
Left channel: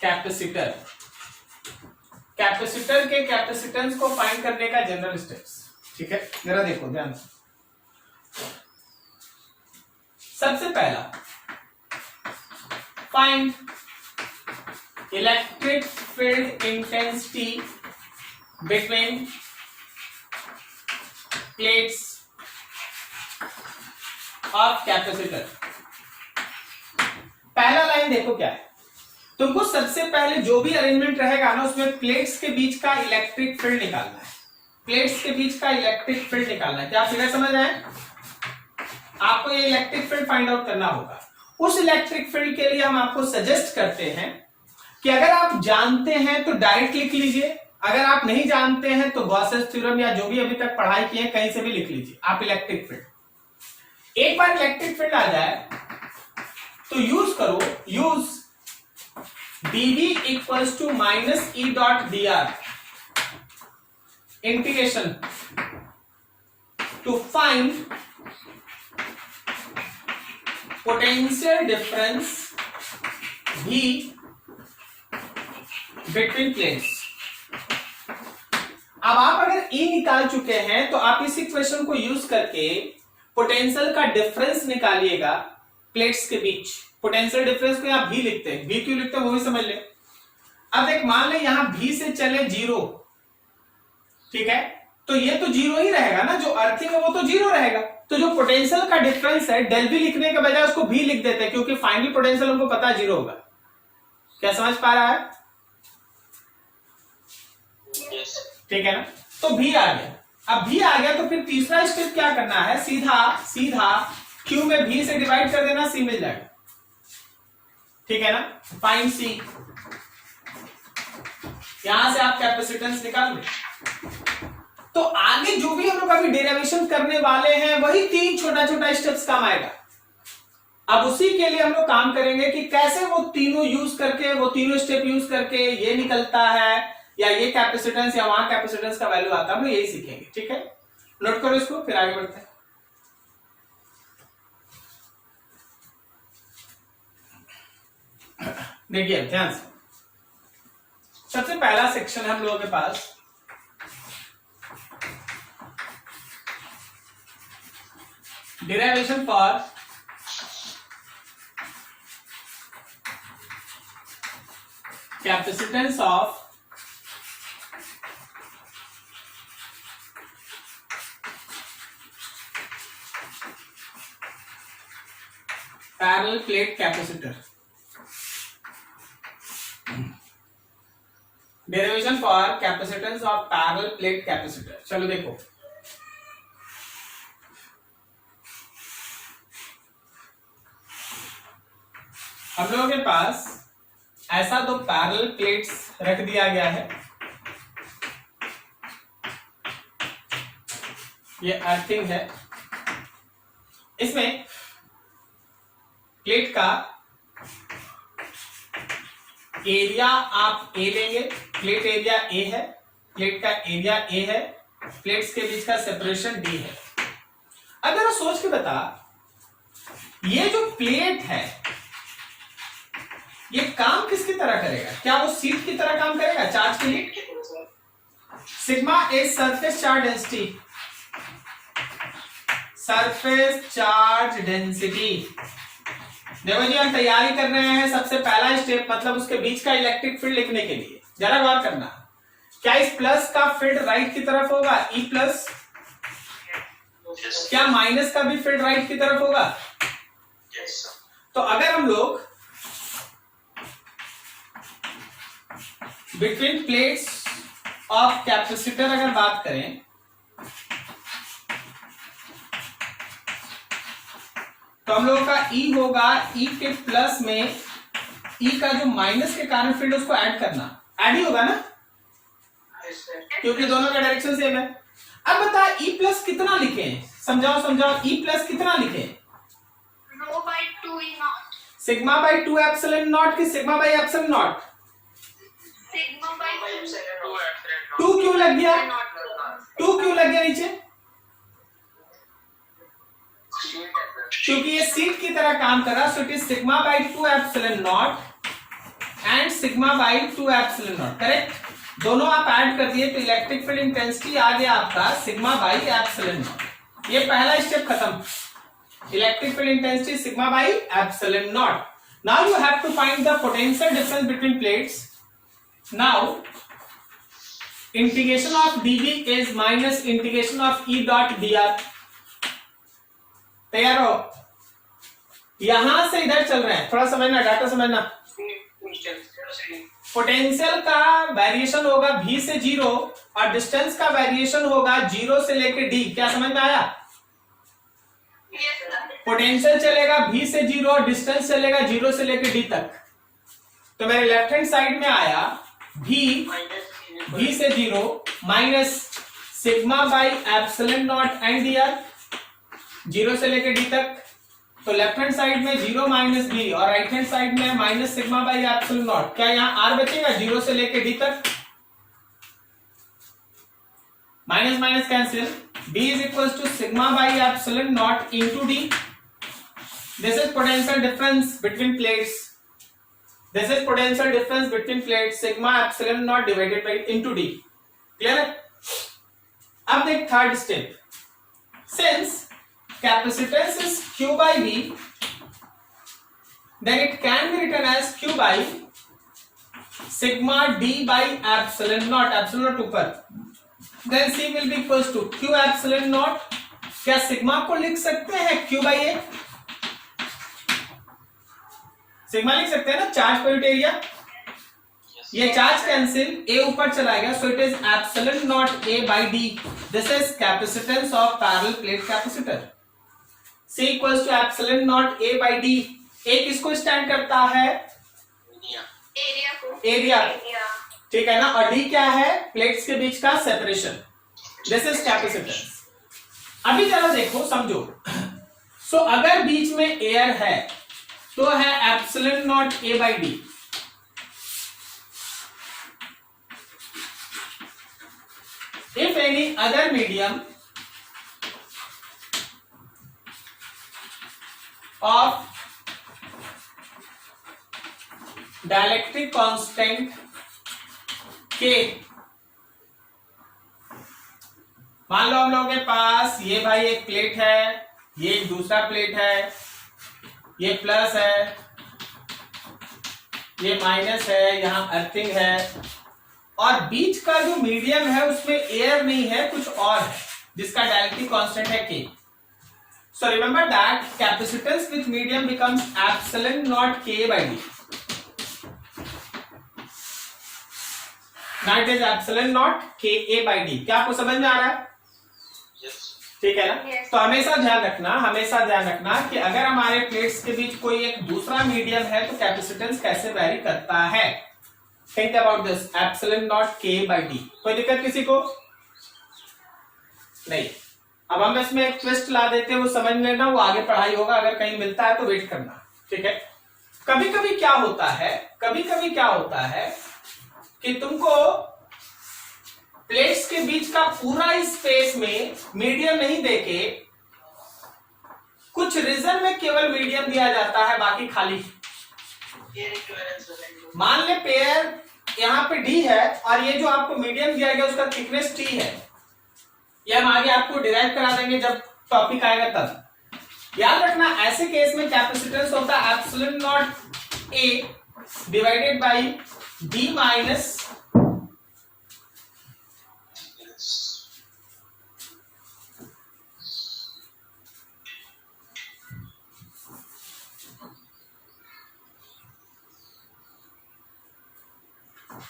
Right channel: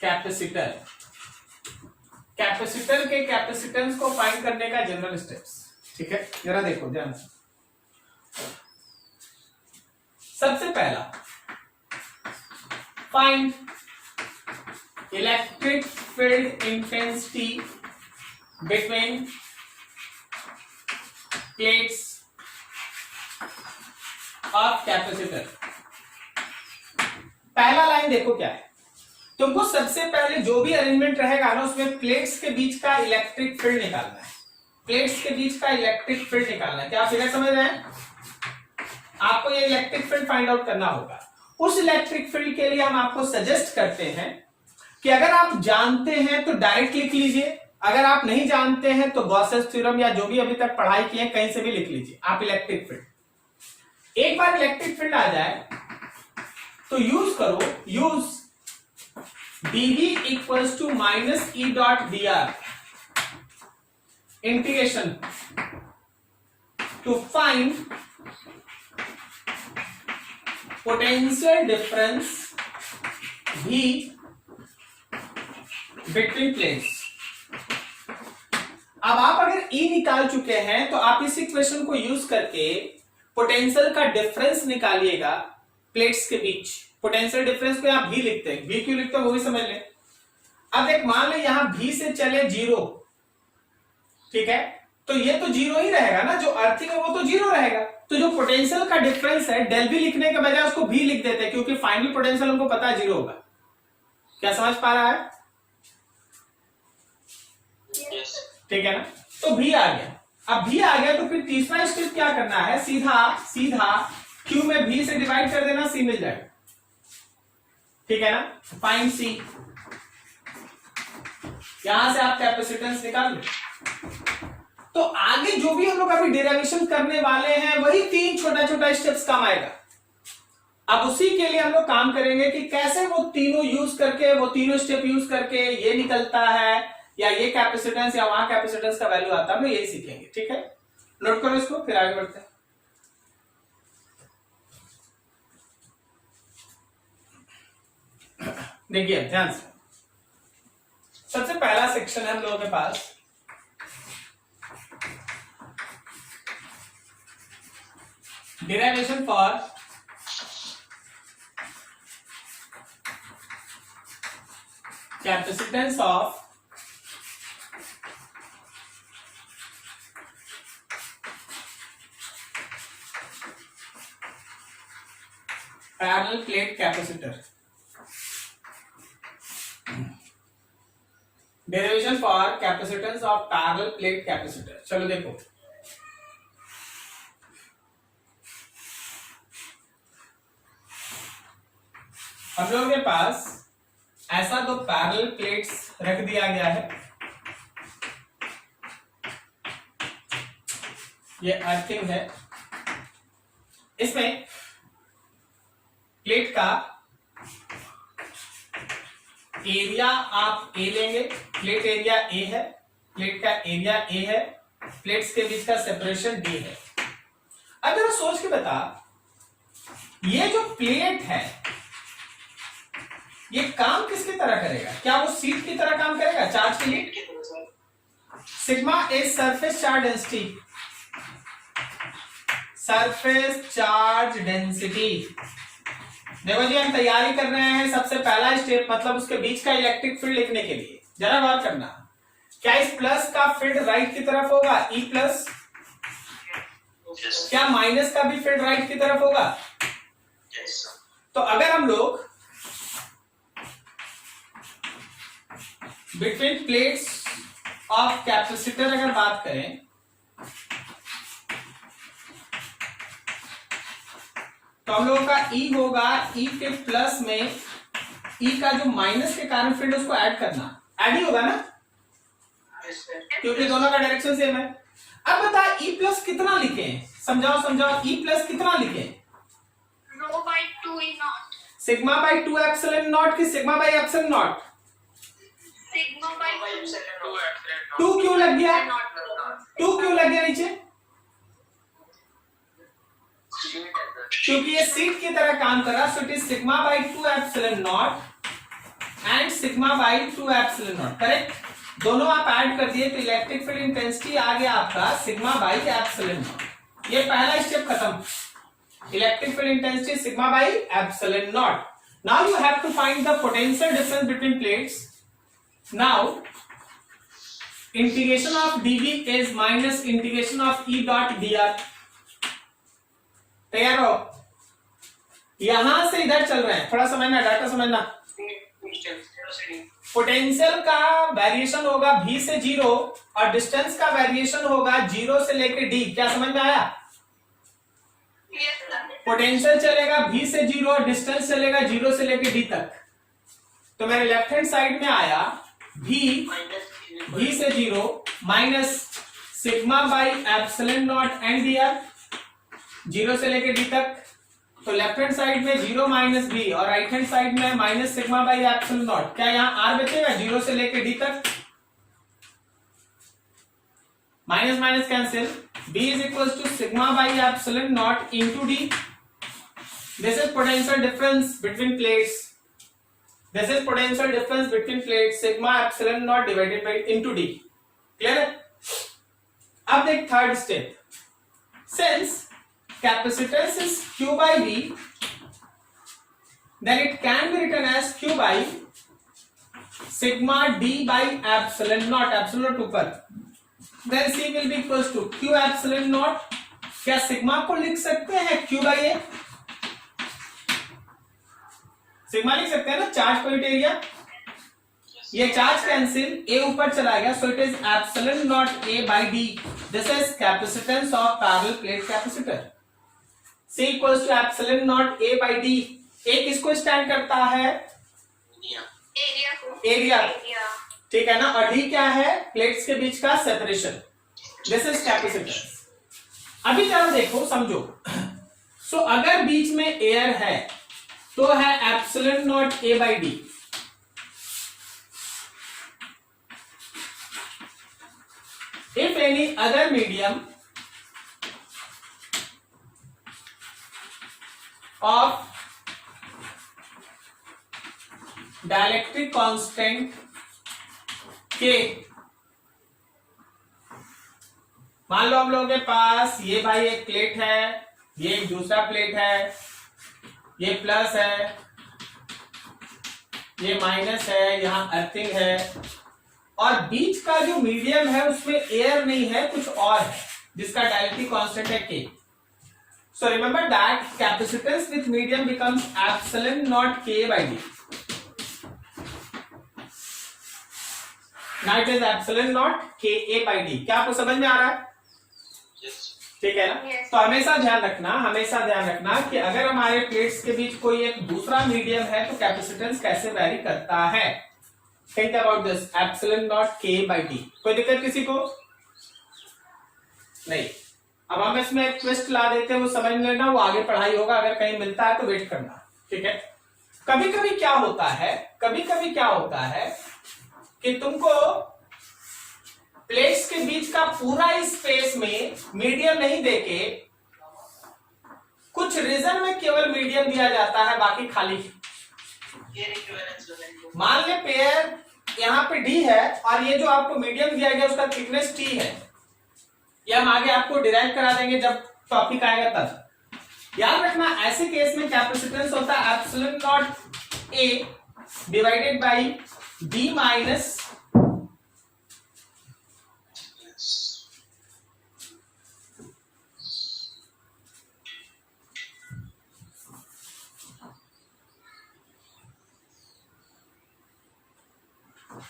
capacitor। Capacitor के कैपेसिटेंस को फाइंड करने का जनरल स्टेप्स, ठीक है। जरा देखो ध्यान से। सबसे पहला find electric field intensity between plates of capacitor. पहला लाइन देखो क्या है, तुमको सबसे पहले जो भी अरेंजमेंट रहेगा ना उसमें प्लेट्स के बीच का इलेक्ट्रिक फील्ड निकालना है। प्लेट्स के बीच का इलेक्ट्रिक फील्ड निकालना है। क्या आप फिगर समझ रहे हैं? आपको ये इलेक्ट्रिक फील्ड फाइंड आउट करना होगा। उस इलेक्ट्रिक फील्ड के लिए हम आपको सजेस्ट करते हैं कि अगर आप जानते हैं तो डायरेक्ट लिख लीजिए, अगर आप नहीं जानते हैं तो गॉसेस थ्योरम या जो भी अभी तक पढ़ाई की है कहीं से भी लिख लीजिए आप इलेक्ट्रिक फील्ड। एक बार इलेक्ट्रिक फील्ड आ जाए तो यूज करो, use dv equals to minus E dot D R integration to find potential difference v between plates. अब आप अगर E निकाल चुके हैं तो आप इस इक्वेशन को यूज करके पोटेंशियल का डिफरेंस निकालिएगा प्लेट्स के बीच। पोटेंशियल डिफरेंस को यहां V लिखते हैं, V क्यों लिखते हैं वो भी समझ लें। अब एक मान लें यहां V से चले 0, ठीक है, तो ये तो 0 ही रहेगा ना, जो अर्थिंग है वो तो 0 रहेगा। तो जो पोटेंशियल का डिफरेंस है डेल V लिखने के बजाय उसको V लिख देते हैं, क्योंकि फाइनल पोटेंशियल हमको पता है 0 होगा। क्या समझ पा रहा है? ठीक है ना, तो V आ गया। अब V आ गया तो फिर तीसरा स्टेप क्या करना है, सीधा Q में V से डिवाइड कर देना, C मिल जाएगा, ठीक है ना। फाइंड C, यहां से आप कैपेसिटेंस निकाल लो। तो आगे जो भी हम लोग अभी डेरिवेशन करने वाले हैं वही 3 छोटा छोटा स्टेप्स काम आएगा। अब उसी के लिए हम लोग काम करेंगे कि कैसे वो तीनों यूज करके, वो तीनों स्टेप यूज करके ये निकलता है या ये कैपेसिटेंस या वहां कैपेसिटेंस का वैल्यू आता है, हम यही सीखेंगे, ठीक है। नोट करो इसको, फिर आगे बढ़ते हैं। देखिए ध्यान से, पहला सेक्शन है हम लोगों के पास, derivation for capacitance of parallel plate capacitor. Derivation for capacitance of parallel plate capacitor. चलो देखो, हम लोगों के पास ऐसा दो पैरेलल प्लेट्स रख दिया गया है, ये अर्थिंग है। इसमें प्लेट का एरिया आप ए लेंगे, प्लेट एरिया ए है, प्लेट का एरिया ए है, प्लेट्स के बीच का सेपरेशन डी है। अब जरा सोच के बता, ये जो प्लेट है ये काम किसकी तरह करेगा? क्या वो सीट की तरह काम करेगा चार्ज के लिए? Sigma is surface charge density, surface charge density. देखो जी, हम तैयारी कर रहे हैं सबसे पहला स्टेप, मतलब उसके बीच का इलेक्ट्रिक फील्ड लिखने के लिए। जरा गौर करना, क्या इस प्लस का फील्ड राइट की तरफ होगा ई प्लस? क्या माइनस का भी फील्ड राइट की तरफ होगा? तो अगर हम लोग बिटवीन प्लेट्स ऑफ कैपेसिटर अगर बात करें, तो हम लोगों का E होगा, E के प्लस में E का जो माइनस के कारण फील्ड उसको ऐड करना, ऐड ही होगा ना, क्योंकि दोनों का डायरेक्शन सेम है। अब बता E प्लस कितना लिखे? समझाओ समझाओ, E प्लस कितना लिखे? सिग्मा बाई 2 एप्सिलॉन नॉट की sigma by epsilon not? Sigma by 2 क्यों लग गया? 2 क्यों लग गया नीचे? क्योंकि ये सीट की तरह काम कर रहा, so it is sigma by 2 epsilon not and sigma by 2 epsilon not. Correct, दोनों आप ऐड कर दिए तो इलेक्ट्रिक फील्ड इंटेंसिटी आ गया आपका सिग्मा बाई एप्सिलॉन नॉट। ये पहला स्टेप खत्म, electric field intensity sigma by epsilon naught. Now you have to find the potential difference between plates. Now integration of dv is minus integration of E dot dr। तैयार हो? यहां से इधर चल रहे हैं, थोड़ा समझना, डाटा समझना। पोटेंशियल का वेरिएशन होगा v से 0 और डिस्टेंस का वेरिएशन होगा 0 से लेके d। क्या समझ में आया? पोटेंशियल चलेगा v से 0 और डिस्टेंस चलेगा 0 से लेके d तक। तो मेरे लेफ्ट हैंड साइड में आया v से 0 minus sigma by epsilon not and dr, 0 से लेके d तक। तो लेफ्ट हैंड साइड में 0 माइनस b और राइट हैंड साइड में minus sigma by epsilon naught. क्या यहाँ r बचेगा 0 से लेके d तक? Minus minus cancel, b is equal to sigma by epsilon naught into d। This is potential difference between plates, this is potential difference between plates, sigma epsilon naught divided by into d। Clear है? अब देख third step, since capacitance is q by v, then it can be written as q by sigma d by epsilon naught, epsilon naught ऊपर, then c will be equals to q epsilon naught। क्या sigma को लिख सकते हैं q by a? Sigma लिख सकते हैं ना, चार्ज पर यूनिट एरिया। ये चार्ज कैंसिल, a ऊपर चला गया, so it is epsilon naught a by d। This is capacitance of parallel plate capacitor। C equals to epsilon naught a by d। a किसको stand करता है? Area, ठीक है ना, और d क्या है? प्लेट्स के बीच का सेपरेशन। This is capacitance. अभी जरा देखो समझो, सो अगर बीच में एयर है तो है epsilon naught a by d। If any other medium of dielectric constant के। मान लो हम लोगों के पास ये भाई एक प्लेट है, ये एक दूसरा प्लेट है, ये प्लस है, ये माइनस है, यहां अर्थिंग है, और बीच का जो मीडियम है उसमें एयर नहीं है, कुछ और है जिसका डायरेक्टली कांस्टेंट है K. So remember that capacitance with medium becomes epsilon naught K by D. Now it is epsilon naught K A bye D. क्या आपको समझ में आ रहा है? ठीक है ना? Yes. तो हमेशा ध्यान रखना कि अगर हमारे प्लेट्स के बीच कोई एक दूसरा मीडियम है तो कैपेसिटेंस कैसे वैरी करता है। Think about this, epsilon naught K by D. कोई दिक्कत किसी को? नहीं। अब हम इसमें एक ट्विस्ट ला देते हैं, वो समझ लेना, वो आगे पढ़ाई होगा, अगर कहीं मिलता है तो वेट करना। ठीक है? कभी कभी क्या होता है कि तुमको प्लेट्स के बीच का पूरा स्पेस में मीडियम नहीं देके कुछ रीजन में केवल मीडियम दिया जाता है, बाकी खाली। मान ले पेयर यहां पे डी है और ये जो आपको मीडियम दिया गया उसका थिकनेस टी है। ये हम आगे आपको डिराइव करा देंगे जब टॉपिक आएगा तब। याद रखना ऐसे केस में कैपेसिटेंस होता है epsilon naught A divided by D minus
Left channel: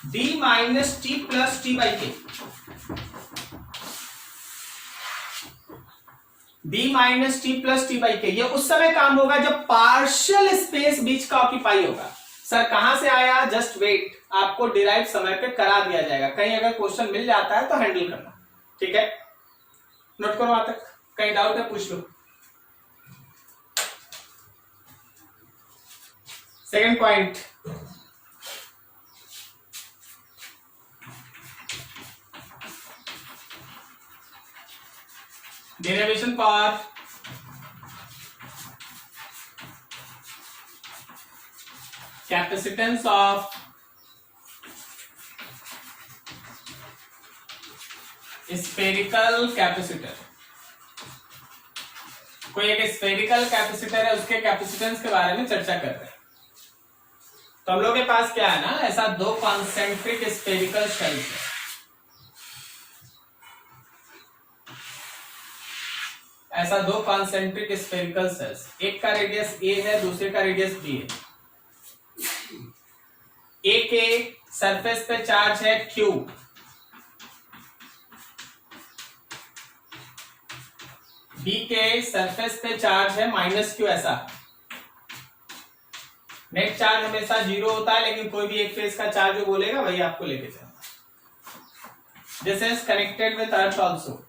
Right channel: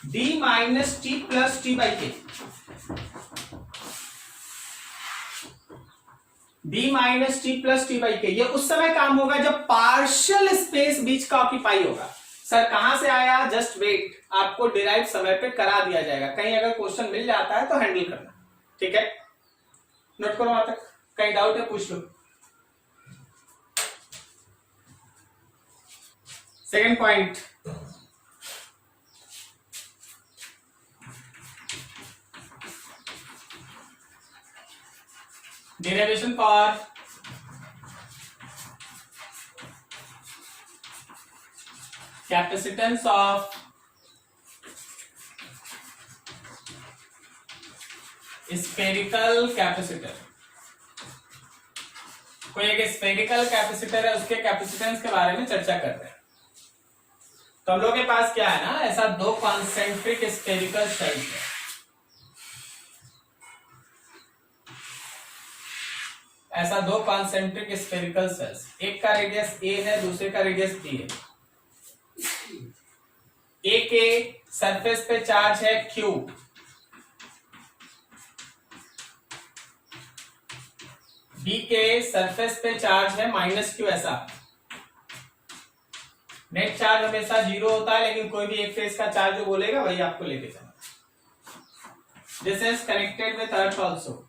d minus T plus T by के। d minus T plus T by के। ये उस समय काम होगा जब पार्शियल स्पेस बीच का ऑक्यूपाई होगा। सर कहां से आया? जस्ट वेट, आपको डिराइव समय पे करा दिया जाएगा। कहीं अगर क्वेश्चन मिल जाता है तो हैंडल करना। ठीक है, नोट करो वहां तक। कहीं डाउट है पूछ लो। Second point, derivation for capacitance of spherical capacitor। कोई एक स्फेरिकल कैपेसिटर है, उसके कैपेसिटेंस के बारे में चर्चा कर रहे हैं। तो हम लोग के पास क्या है ना, ऐसा दो कॉन्सेंट्रिक स्फेरिकल शेल्स है। ऐसा दो कॉन्सेंट्रिक स्फेरिकल सेल्स, एक का रेडियस ए है, दूसरे का रेडियस बी है। ए के सरफेस पे चार्ज है क्यू, बी के सरफेस पे चार्ज है माइनस क्यू। ऐसा नेट चार्ज हमेशा जीरो होता है, लेकिन कोई भी एक फेज का चार्ज जो बोलेगा वही आपको लेके चलना। This is connected with earth also.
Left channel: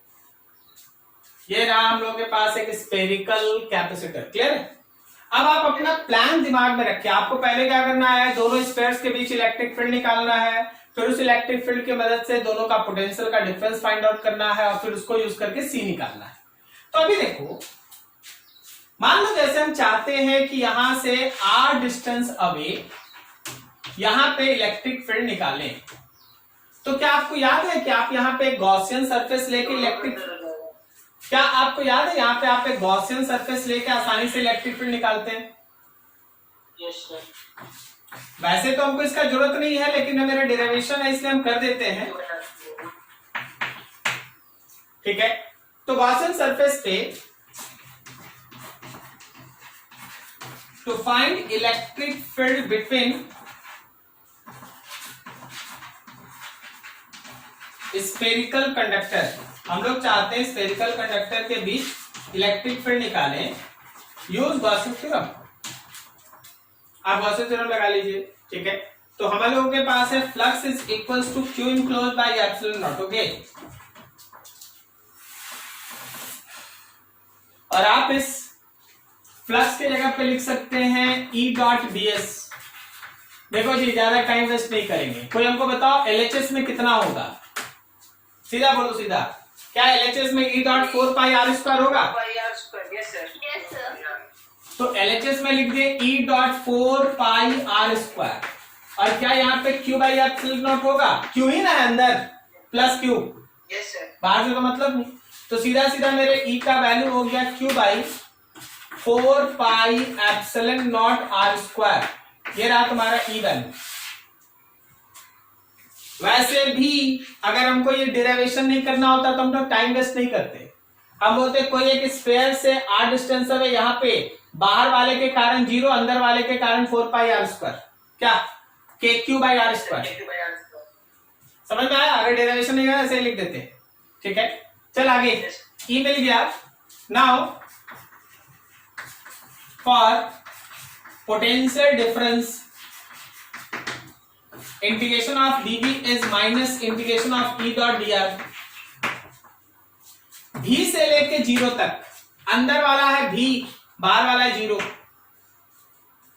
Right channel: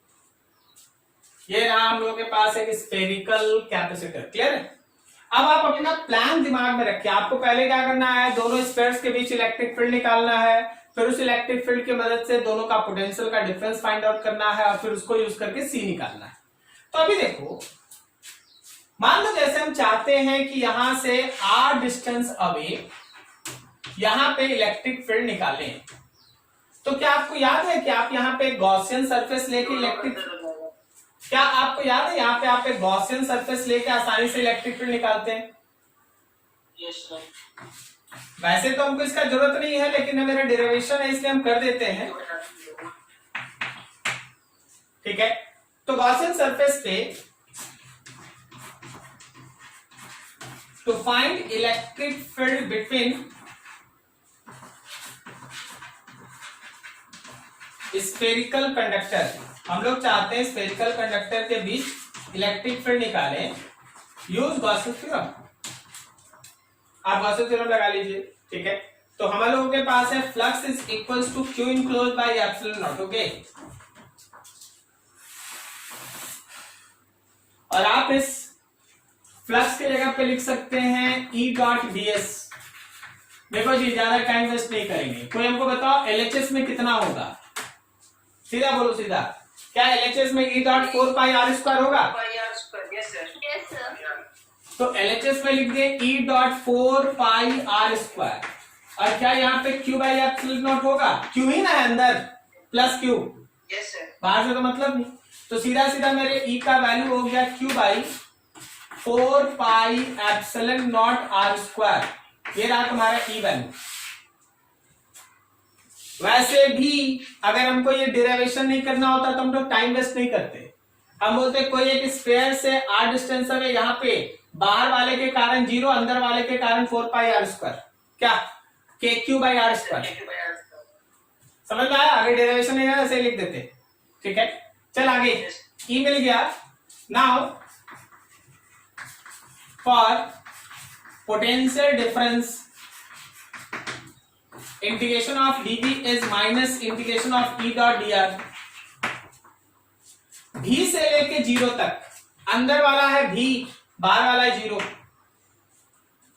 ये रहा हम लोग के पास एक स्फेरिकल कैपेसिटर। क्लियर? अब आप अपना प्लान दिमाग में रखिए। आपको पहले क्या करना है, दोनों स्फेयर्स के बीच इलेक्ट्रिक फील्ड निकालना है, फिर उस इलेक्ट्रिक फील्ड की मदद से दोनों का पोटेंशियल का डिफरेंस फाइंड आउट करना है, और फिर उसको यूज करके सी निकालना है। तो अभी देखो, मान लो जैसे हम चाहते हैं कि यहां से आर डिस्टेंस अवे यहां पे इलेक्ट्रिक फील्ड निकालें, तो क्या आपको याद है कि आप यहां पे गॉसियन सरफेस लेके इलेक्ट्रिक, क्या आपको याद है यहाँ पे आप एक गॉसियन सरफेस लेके आसानी से इलेक्ट्रिक फील्ड निकालते हैं? Yes sir. वैसे तो हमको इसका जरूरत नहीं है, लेकिन मेरा डेरिवेशन है इसलिए हम कर देते हैं। ठीक है, तो गॉसियन सरफेस पे to find electric field between spherical conductor, हम लोग चाहते हैं स्फेरिकल कंडक्टर के बीच इलेक्ट्रिक फील्ड निकालें, यूज गॉसियन थ्योरम। आप गॉसियन थ्योरम लगा लीजिए। ठीक है, तो हम लोगों के पास है flux is equals to Q enclosed by epsilon naught. Okay, और आप इस फ्लक्स के जगह पे लिख सकते हैं ई डॉट ds। देखो जी, ज्यादा टाइम वेस्ट नहीं करेंगे। कोई हमको बताओ LHS में कितना होगा? सीधा बोलो, सीधा। क्या LHS में E dot 4 pi R square होगा? Yes sir. तो LHS में लिख दे E dot 4 pi R square. और क्या यहाँ पे Q बाई एप्सिलॉन नॉट होगा? Q ही ना है अंदर, प्लस Q, यस सर। बाहर से तो मतलब नहीं। तो सीधा सीधा मेरे E का वैल्यू हो गया Q by 4 pi epsilon not R square. ये रहा तुम्हारा E वैल्यू। वैसे भी अगर हमको ये डेरिवेशन नहीं करना होता तो हम लोग टाइम वेस्ट नहीं करते। हम बोलते कोई एक स्फीयर से r डिस्टेंस है, यहाँ पे बाहर वाले के कारण 0, अंदर वाले के कारण 4 पाई R स्क्वायर, क्या के क्यू बाई आर स्क्वायर। समझ में आया? अगर डेरिवेशन नहीं आया ऐसे लिख देते, ठीक है। चल आगे, ई मिल गया। Now for potential difference integration of dv is minus integration of E dot D are. भी से लेके 0 तक, अंदर वाला है भी, बाहर वाला है 0।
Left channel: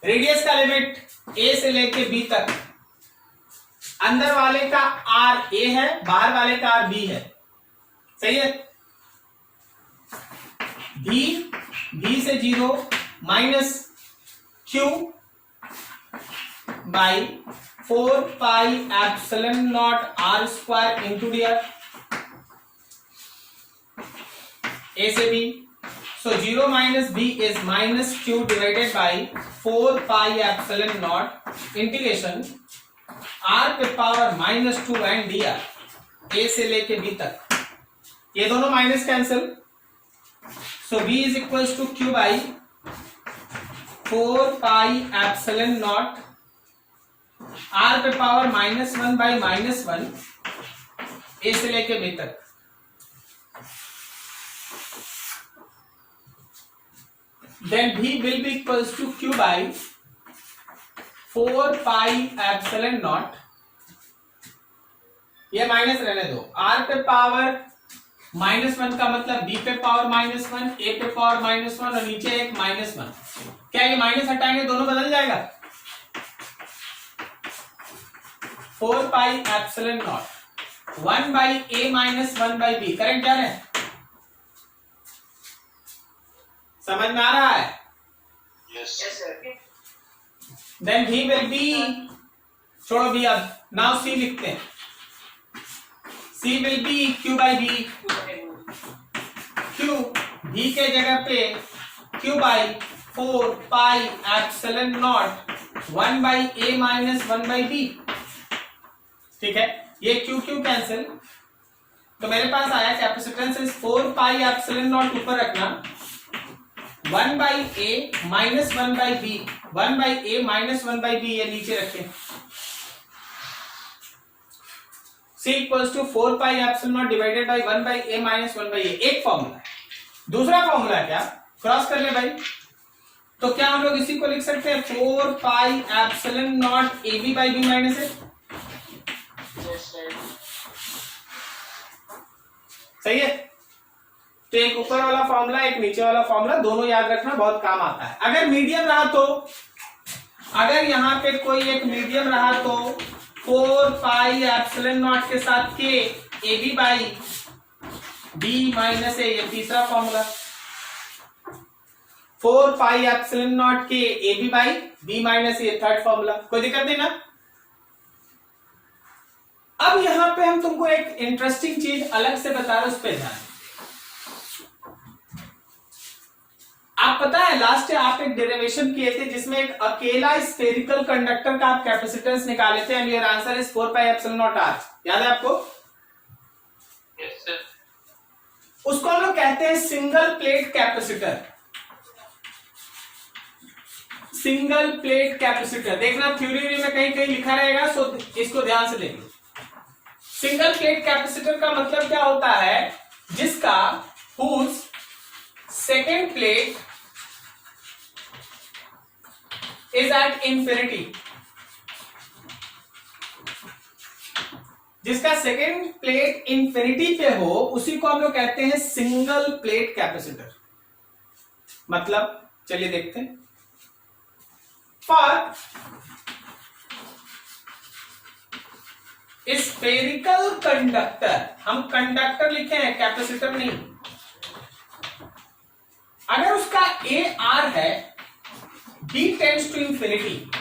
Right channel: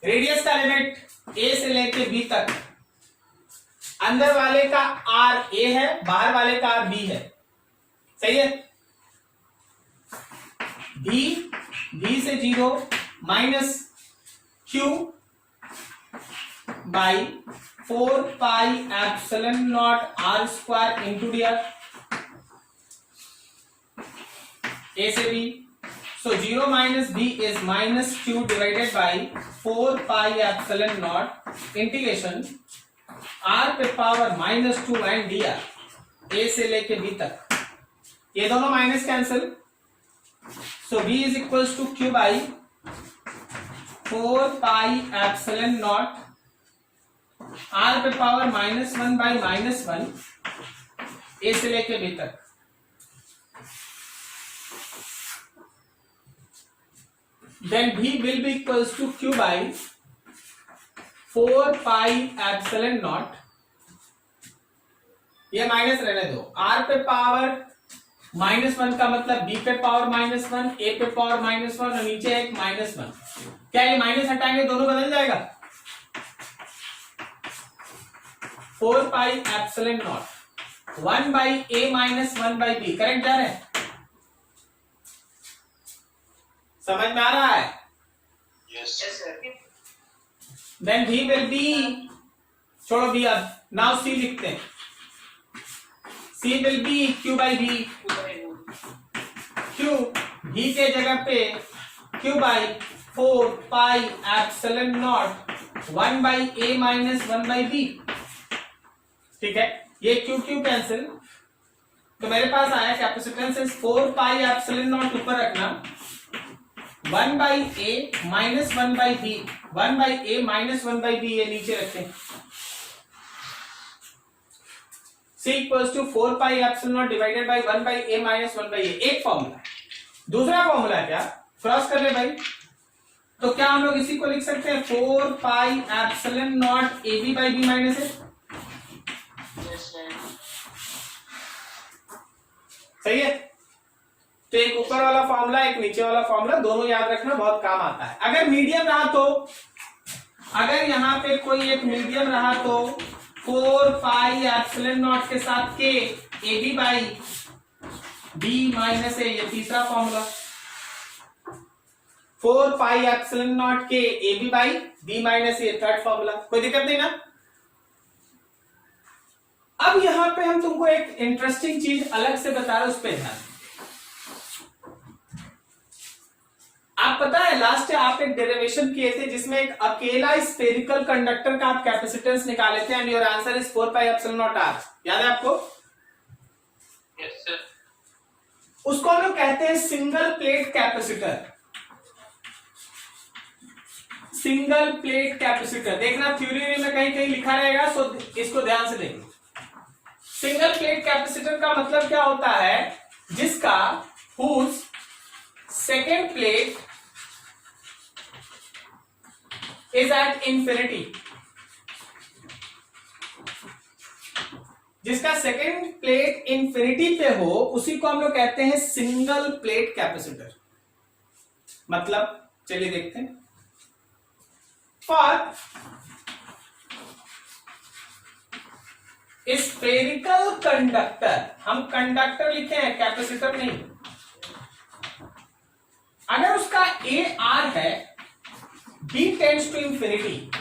रेडियस का लिमिट a से लेके b तक, अंदर वाले का r a है, बाहर वाले का r b है, सही है। भी से 0 minus q by 4 pi epsilon not r square into D R, a से b। So 0 minus b is minus q divided by 4 pi epsilon naught integration r पे पावर -2 and dr, a से लेके b तक। ये दोनों minus cancel, so b is equals to q by 4 pi epsilon naught r पे power -1 by -1 a से लेके b तक। Then v will be equals to q by 4 pi epsilon naught, ये माइनस रहने दो, r पे पावर -1 का मतलब b पे पावर -1, a पे पावर -1 और नीचे एक -1। क्या ये माइनस हटाएंगे दोनों बदल जाएगा? 4 pi epsilon naught 1 by a minus 1 by b, correct जा रहे हैं? समझ में आ रहा है? Yes sir. Then v will be, छोड़ो b अब, नाउ c लिखते हैं। c will be q by b, q v के जगह पे q by 4 pi epsilon naught 1 by a minus 1 by b, ठीक है। ये q q कैंसिल, तो मेरे पास आया capacitance is 4 pi epsilon naught ऊपर रखना, 1 by a minus 1 by b, 1 by a minus 1 by b ये नीचे रखें। c equals to 4 pi epsilon naught divided by 1 by a minus 1 by a, एक फॉर्मूला। दूसरा फॉर्मूला क्या, क्रॉस कर ले भाई, तो क्या हम लोग इसी को लिख सकते हैं 4 pi epsilon not ab by b minus a, सही है। तो एक ऊपर वाला फॉर्मूला, एक नीचे वाला फॉर्मूला, दोनों याद रखना, बहुत काम आता है। अगर मीडियम रहा तो, अगर यहाँ पे कोई एक मीडियम रहा तो 4 पाई एप्सिलॉन नॉट के साथ K A B by B minus A, ये तीसरा formula. 4 pi epsilon naught K A B by B minus A, third formula. कोई दिक्कत नहीं ना? अब यहां पे हम तुमको एक इंटरेस्टिंग चीज अलग से बता रहे, उस पर ध्यान। आप पता है लास्ट आप एक डेरिवेशन किए थे जिसमें एक अकेला स्फेरिकल कंडक्टर का आप कैपेसिटेंस निकाले थे, and your answer is 4 pi epsilon naught R, याद है आपको? Yes sir. उसको हम लोग कहते हैं single plate capacitor. Single plate capacitor देखना थ्योरी में कहीं कहीं लिखा रहेगा, सो इसको ध्यान से देखो। सिंगल प्लेट कैपेसिटर का मतलब क्या होता है, जिसका whose second plate is at infinity, जिसका सेकेंड प्लेट इंफिनिटी पे हो उसी को हम लोग कहते हैं सिंगल प्लेट कैपेसिटर। मतलब चलिए देखते हैं। फॉर स्फेरिकल कंडक्टर, हम कंडक्टर लिखे हैं, कैपेसिटर नहीं। अगर उसका ए आर है, D tends to infinity,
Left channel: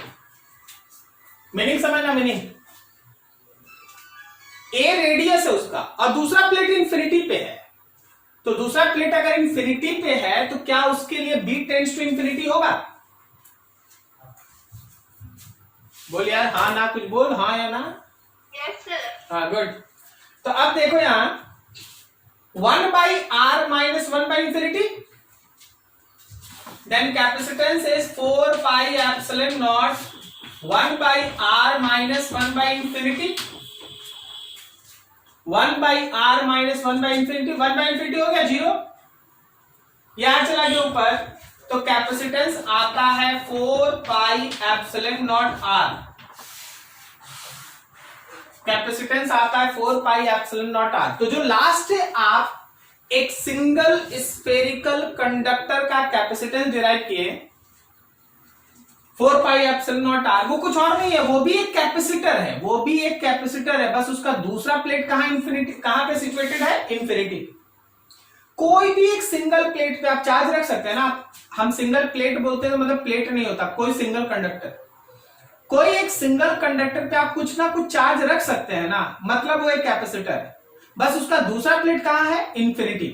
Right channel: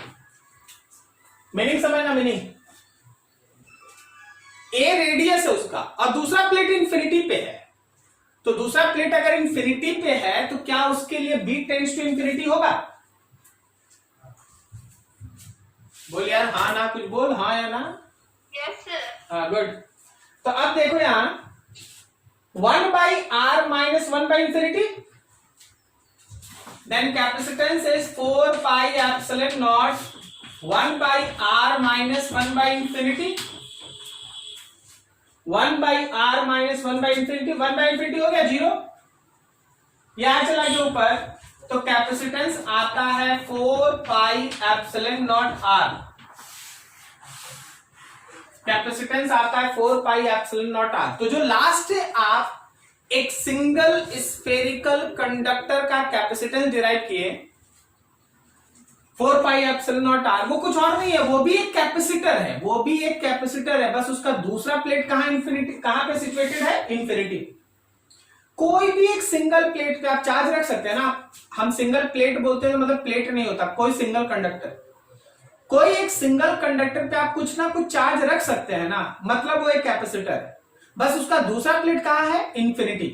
meaning समझना, मीनिंग ए रेडियस है उसका और दूसरा प्लेट इंफिनिटी पे है, तो दूसरा प्लेट अगर इंफिनिटी पे है तो क्या उसके लिए बी टेंड्स टू इंफिनिटी होगा? बोल यार, हाँ ना, कुछ बोल, हाँ या ना? Yes, sir. हाँ, गुड। तो अब देखो यहां 1/r minus 1/infinity, then capacitance is 4πε0 1/r minus 1/infinity, 1/r minus 1/infinity, 1/infinity हो गया 0, यहां चला गया ऊपर, तो कैपेसिटेंस आता है 4πε0r, कैपेसिटेंस आता है 4πε0r। तो जो लास्ट है आप एक सिंगल स्फेरिकल कंडक्टर का कैपेसिटेंस डिराइव किए 4πε0r, वो कुछ और नहीं है, वो भी एक कैपेसिटर है, वो भी एक कैपेसिटर है, बस उसका दूसरा प्लेट कहां इंफिनिटी, कहां पे सिचुएटेड है? इंफिनिटी। कोई भी एक सिंगल प्लेट पे आप चार्ज रख सकते हैं ना, हम सिंगल प्लेट बोलते हैं तो मतलब प्लेट नहीं होता, कोई सिंगल कंडक्टर, कोई एक सिंगल कंडक्टर पे आप कुछ ना कुछ चार्ज रख सकते हैं ना, मतलब वो एक कैपेसिटर है, बस उसका दूसरा प्लेट कहां है? इंफिनिटी।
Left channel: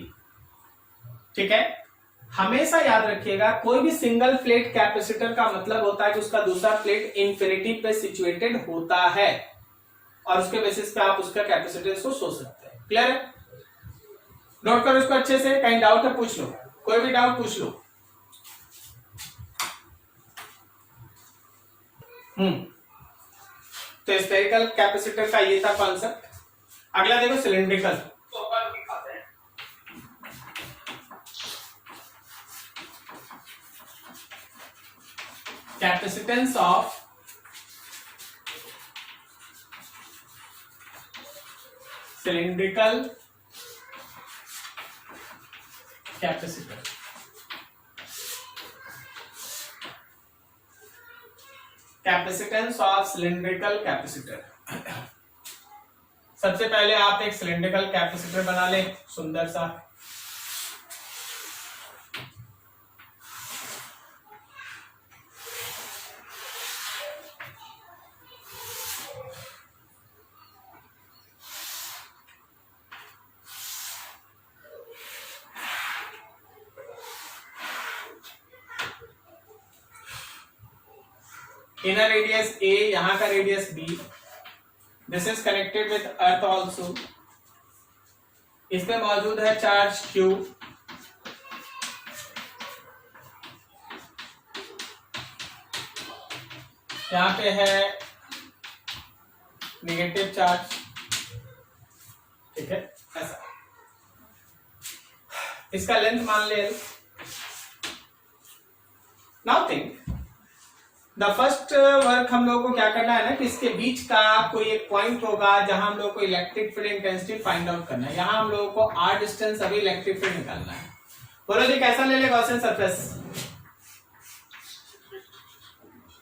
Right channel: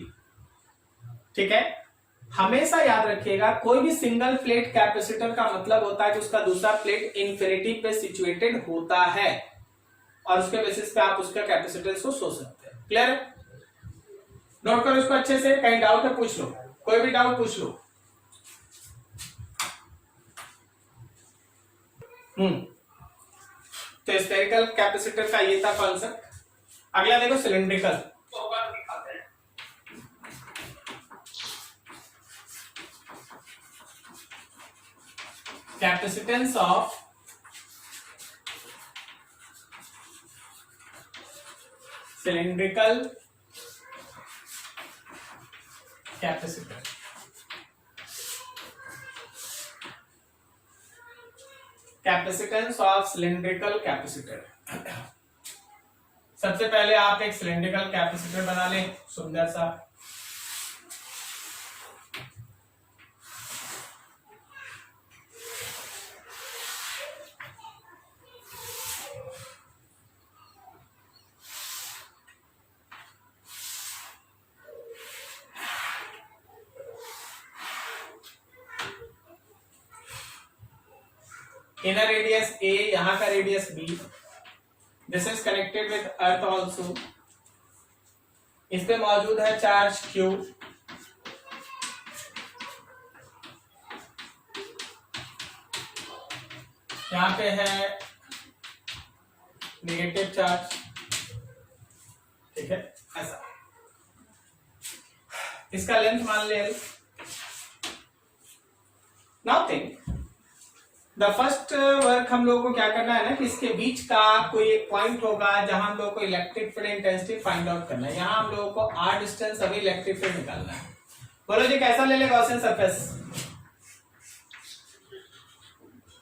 ठीक है, हमेशा याद रखिएगा कोई भी सिंगल प्लेट कैपेसिटर का मतलब होता है कि उसका दूसरा प्लेट इंफिनिटी पे सिचुएटेड होता है और उसके बेसिस पे आप उसका कैपेसिटेंस को सोच सकते हैं। क्लियर है? नोट करो इसको अच्छे से, कहीं डाउट है पूछ लो, कोई भी डाउट पूछ लो। तो स्फेरिकल कैपेसिटर का ये था कॉन्सेप्ट। अगला देखो cylindrical. Capacitance of cylindrical capacitor. Capacitance of cylindrical capacitor. सबसे पहले आप एक सिलिंड्रिकल कैपेसिटर बना लें सुंदर सा, इनर रेडियस a, यहां का radius b, this is connected with earth also, इस पे मौजूद है चार्ज q, यहां पे है नेगेटिव चार्ज। ठीक है, ऐसा, इसका लेंथ मान ले L। Now think the first work हम लोगों को क्या करना है ना कि इसके बीच का कोई एक पॉइंट होगा जहां हम लोगों को electric field intensity find out करना है, यहां हम लोगों को r डिस्टेंस अभी इलेक्ट्रिक फील्ड निकालना है। बोलो जी कैसा ले ले गॉसियन सरफेस?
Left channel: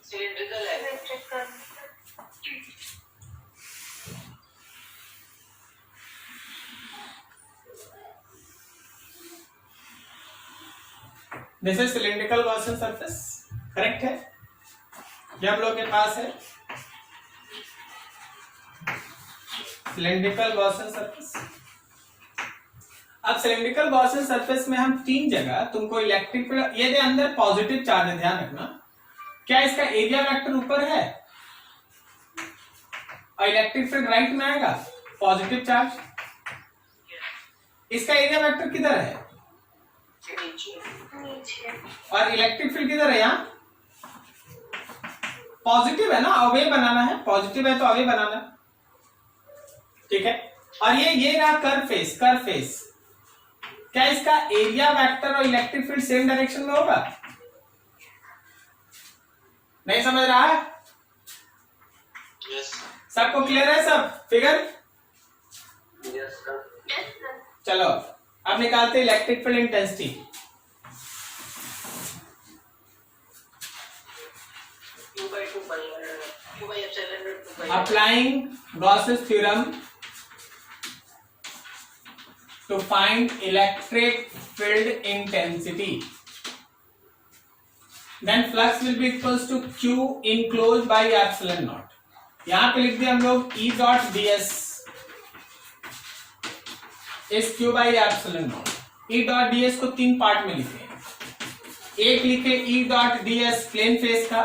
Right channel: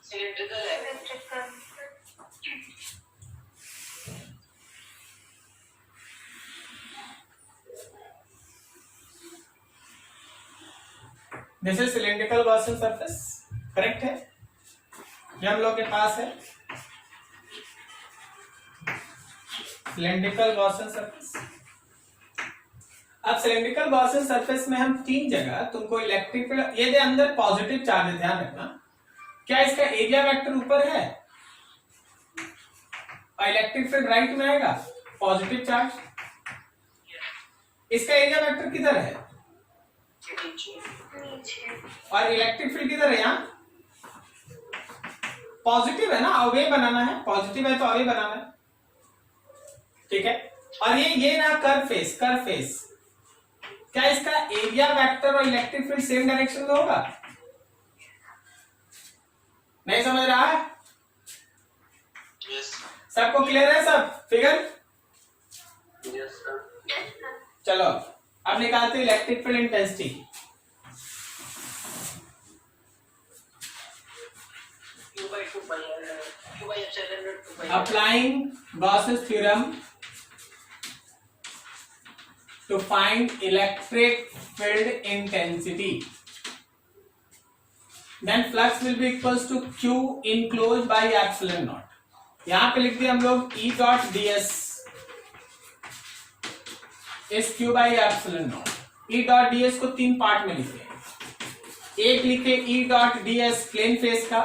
Cylindrical है। This is cylindrical Gaussian surface, correct है? ये हम लोग के पास है सिलिंड्रिकल गॉसियन सरफेस। अब सिलिंड्रिकल गॉसियन सरफेस में हम तीन जगह तुमको इलेक्ट्रिक फील्ड, ये दे अंदर पॉजिटिव चार्ज है, ध्यान रखना। क्या इसका एरिया वेक्टर ऊपर है और इलेक्ट्रिक फील्ड राइट में आएगा, पॉजिटिव चार्ज। इसका एरिया वेक्टर किधर है? और इलेक्ट्रिक फील्ड किधर है? यहाँ पॉजिटिव है ना, अवे बनाना है, पॉजिटिव है तो अवे बनाना है। ठीक है, और ये रहा कर्व फेस, कर्व फेस। क्या इसका एरिया वेक्टर और इलेक्ट्रिक फील्ड सेम डायरेक्शन में होगा? नहीं समझ रहा है? Yes. सबको क्लियर है सब फिगर? Yes, sir. चलो अब निकालते electric field intensity. Applying Gauss's theorem to find electric field intensity, then flux will be equals to Q enclosed by epsilon naught. यहां पे लिख दिया हम लोग E dot D S is Q by epsilon naught. E dot D S को 3 part में लिखे, एक लिखे E dot D S plane face का,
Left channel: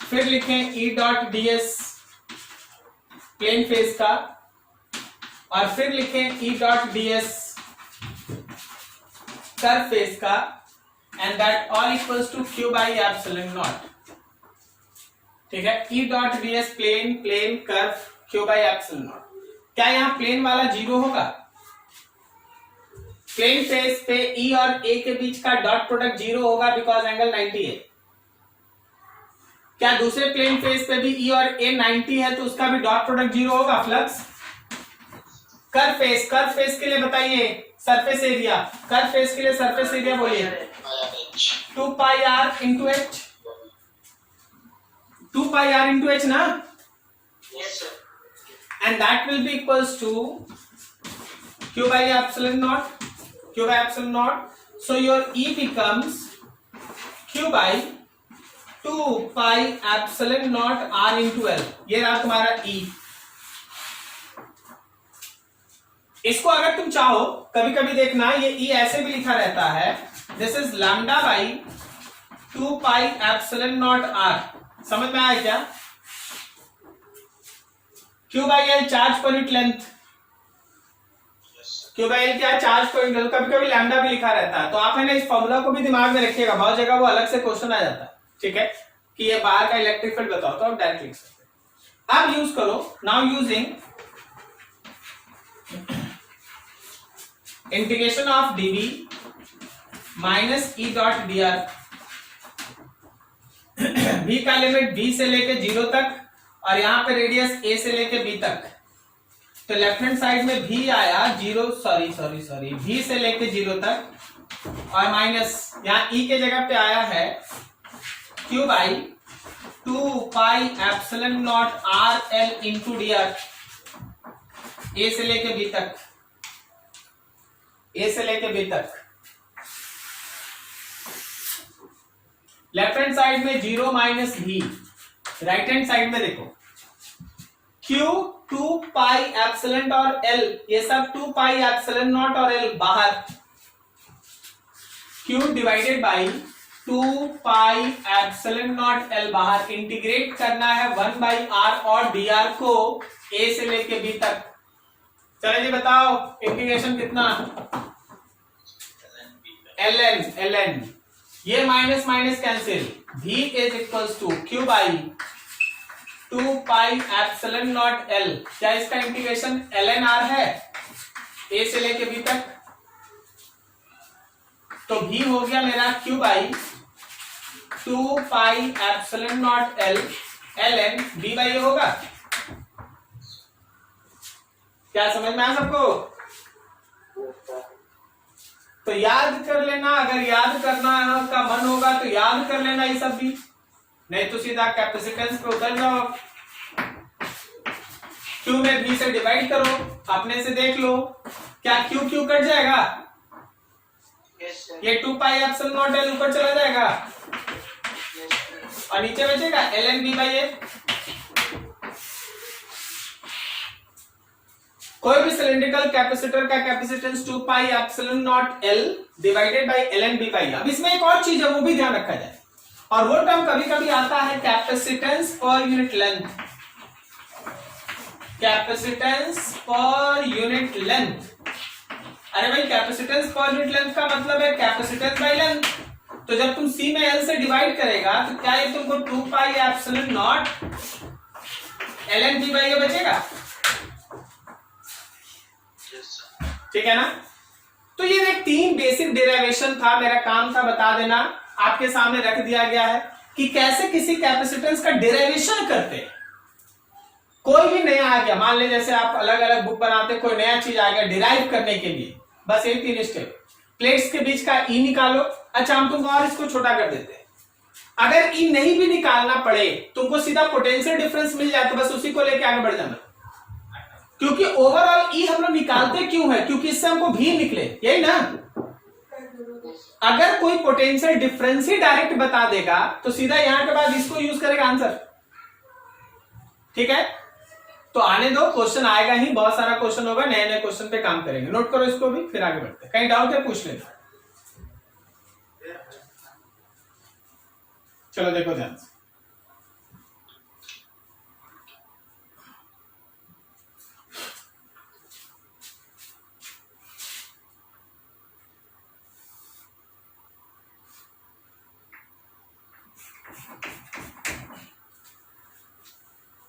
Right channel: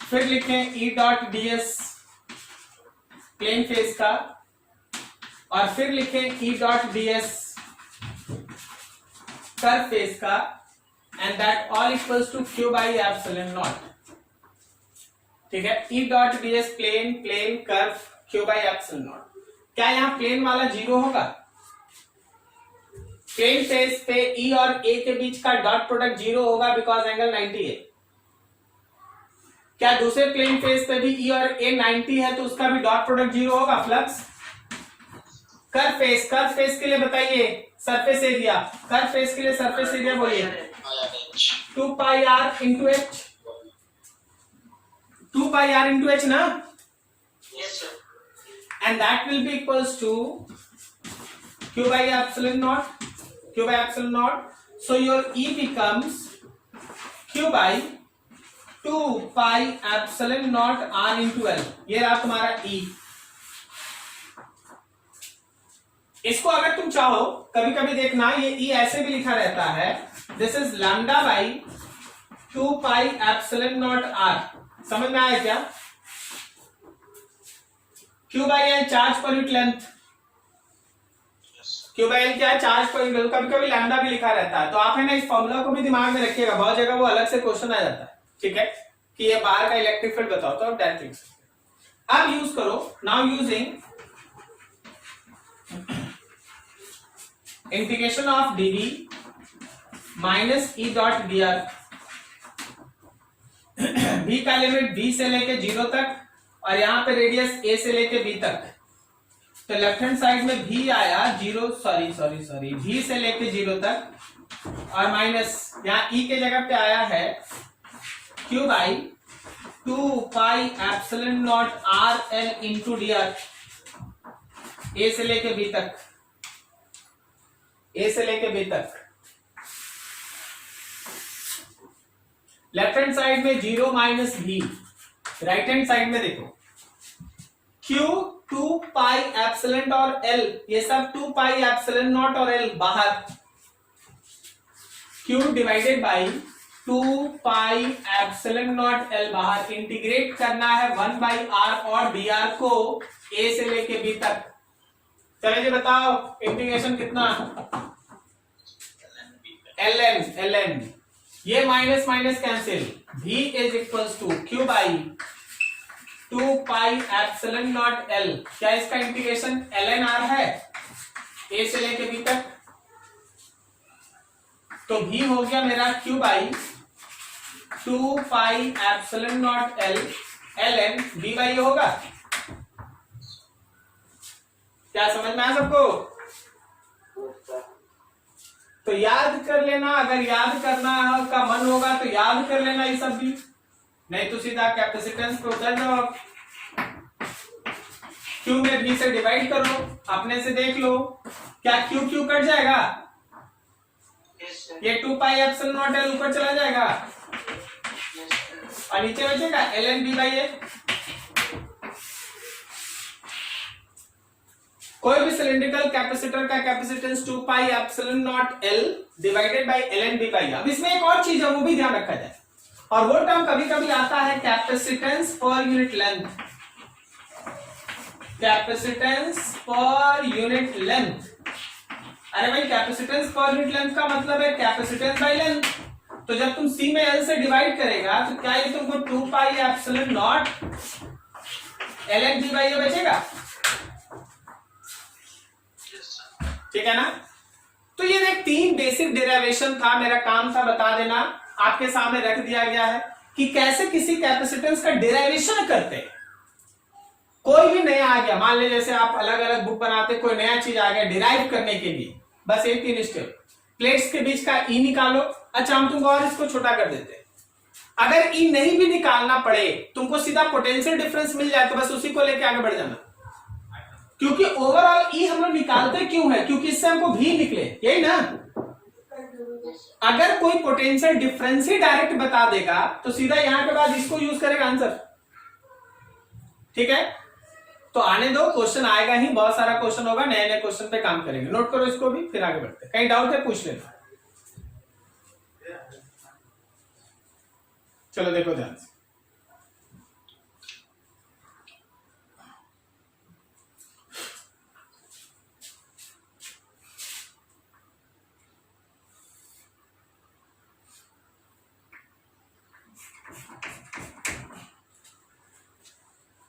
फिर लिखें E dot D S plane face का, और फिर लिखें E dot D S curve face का, and that all equals to Q by epsilon naught. ठीक है, E dot D S plane plane curve Q by epsilon naught. क्या यहां plane वाला 0 होगा? प्लेन फेस पे E और A के बीच का डॉट प्रोडक्ट 0 होगा बिकॉज एंगल 90 है। क्या दूसरे प्लेन फेस पे भी E और A 90 है तो उसका भी डॉट प्रोडक्ट 0 होगा? फ्लक्स कर्व फेस के लिए बताइए सरफेस एरिया, कर्व फेस के लिए सरफेस एरिया बोलिए 2 pi R into H, 2 pi R into H ना, Yes, sir. and that will be equals to q by epsilon naught, q by epsilon naught. So your E becomes q by 2 pi epsilon naught r into L. ये रहा तुम्हारा E। इसको अगर तुम चाहो कभी कभी देखना ये E ऐसे भी लिखा रहता है, this is lambda by 2 pi epsilon not r। समझ में आया क्या? Q by L charge per unit length, Q by L क्या है? Charge per unit. कभी कभी लैम्डा भी लिखा रहता है, तो आप है ना इस फॉर्मूला को भी दिमाग में रखिएगा, बहुत जगह वो अलग से क्वेश्चन आ जाता है। ठीक है, कि ये बाहर का इलेक्ट्रिक फील्ड बताओ तो आप डायरेक्ट लिख सकते हैं। अब यूज करो, now using integration of dv minus E dot dr, v का लिमिट v से लेके 0 तक और यहां पे रेडियस a से लेके b तक, तो लेफ्ट हैंड साइड में v आया 0, सॉरी v से लेके 0 तक, और माइनस यहां e के जगह पे आया है q by 2 pi epsilon not r l into dr, a से लेके b तक, a से लेके b तक। लेफ्ट हैंड साइड में 0 minus v, right hand side में देखो q 2 पाई एप्सिलॉन और l, ये सब 2 पाई एप्सिलॉन नॉट और l बाहर, q divided by 2 pi epsilon naught l बाहर। इंटीग्रेट करना है 1 बाई r और dr को a से लेके b तक। चलो जी बताओ इंटीग्रेशन कितना? ln ये minus minus cancel, v is equals to q by 2 pi epsilon naught l। क्या इसका इंटीग्रेशन ln r है a से लेके b तक, तो v हो गया मेरा q by 2 pi epsilon naught l ln b by होगा। क्या समझ में आया सबको? तो याद कर लेना, अगर याद करना का मन होगा तो याद कर लेना ये सब भी, नहीं तो सीधा कैपेसिटेंस पे उतर जाओ। Q में V से डिवाइड करो, अपने से देख लो क्या Q Q कट जाएगा, Yes, sir. ये 2 पाई एप्सिलॉन नॉट l ऊपर चला जाएगा Yes, sir. और नीचे बचेगा ln b बाई a। कोई भी सिलिंड्रिकल कैपेसिटर का capacitance 2 pi epsilon naught l divided by ln b by. अब इसमें एक और चीज है वो भी ध्यान रखा जाए, और वो टर्म कभी कभी आता है capacitance per unit length, capacitance per unit length. अरे भाई कैपेसिटेंस पर यूनिट लेंथ का मतलब है कैपेसिटेंस बाई लेंथ, तो जब तुम c में l से डिवाइड करेगा तो क्या ये तुमको 2 pi epsilon not ln b by a बचेगा? Yes, sir. ठीक है ना? तो ये एक 3 बेसिक डेरिवेशन था, मेरा काम था बता देना, आपके सामने रख दिया गया है कि कैसे किसी कैपेसिटेंस का डेरिवेशन करते हैं। कोई भी नया आ गया, मान ले जैसे आप अलग अलग बुक बनाते, कोई नया चीज आ गया डिराइव करने के लिए, बस ये 3 स्टेप। प्लेट्स के बीच का ई निकालो, अच्छा हम तुमको और इसको छोटा कर देते हैं। अगर ई नहीं भी निकालना पड़े, तुमको सीधा पोटेंशियल डिफरेंस मिल जाए तो बस उसी को लेके आगे बढ़ जाना, क्योंकि ओवरऑल ई हम लोग निकालते क्यों है? क्योंकि इससे हमको भी निकले, यही ना। अगर कोई पोटेंशियल डिफरेंस ही डायरेक्ट बता देगा तो सीधा यहां के बाद इसको यूज करेगा आंसर, ठीक है, तो आने दो, क्वेश्चन आएगा ही, बहुत सारा क्वेश्चन होगा, नए नए क्वेश्चन पे काम करेंगे। नोट करो इसको भी, फिर आगे बढ़ते हैं। कहीं डाउट है पूछ लेना। चलो देखो ध्यान से,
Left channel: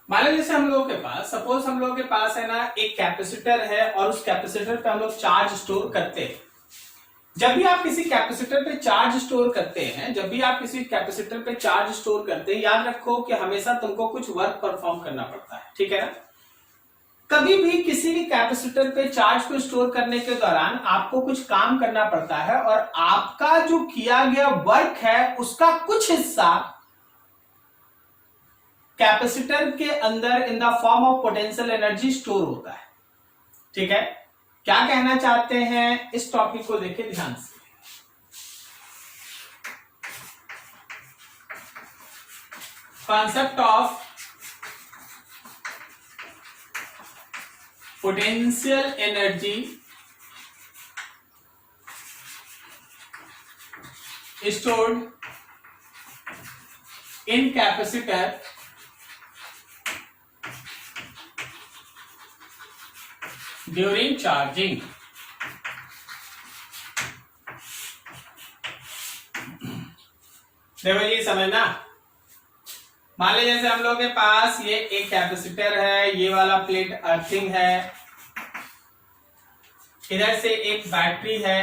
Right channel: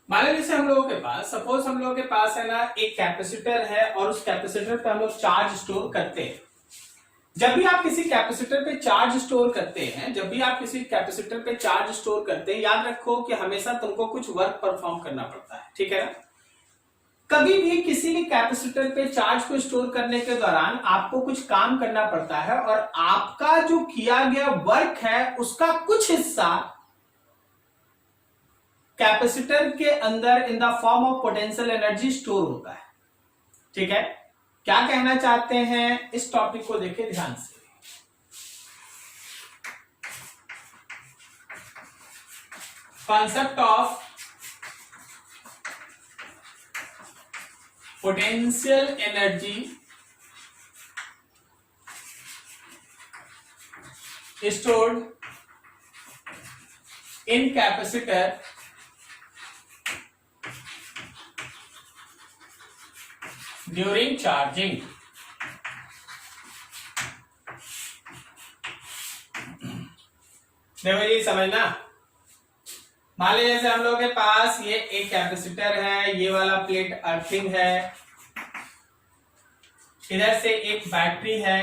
मान लो जैसे हम लोगों के पास, सपोज हम लोगों के पास है ना एक कैपेसिटर है, और उस कैपेसिटर पे हम लोग चार्ज स्टोर करते हैं। जब भी आप किसी कैपेसिटर पे चार्ज स्टोर करते हैं, जब भी आप किसी कैपेसिटर पे चार्ज स्टोर करते हैं, याद रखो कि हमेशा तुमको कुछ वर्क परफॉर्म करना पड़ता है, ठीक है ना। कभी भी किसी भी कैपेसिटर पे चार्ज को स्टोर करने के दौरान आपको कुछ काम करना पड़ता है, और आपका जो किया गया वर्क है उसका कुछ हिस्सा कैपेसिटर के अंदर in the form of potential energy store होता है, ठीक है। क्या कहना चाहते हैं, इस टॉपिक को देखिए ध्यान से। Concept of potential energy stored in capacitor during charging. देखो ये समझना, मान लीजिए जैसे हम लोग के पास ये एक कैपेसिटर है, ये वाला प्लेट अर्थिंग है, इधर से एक बैटरी है,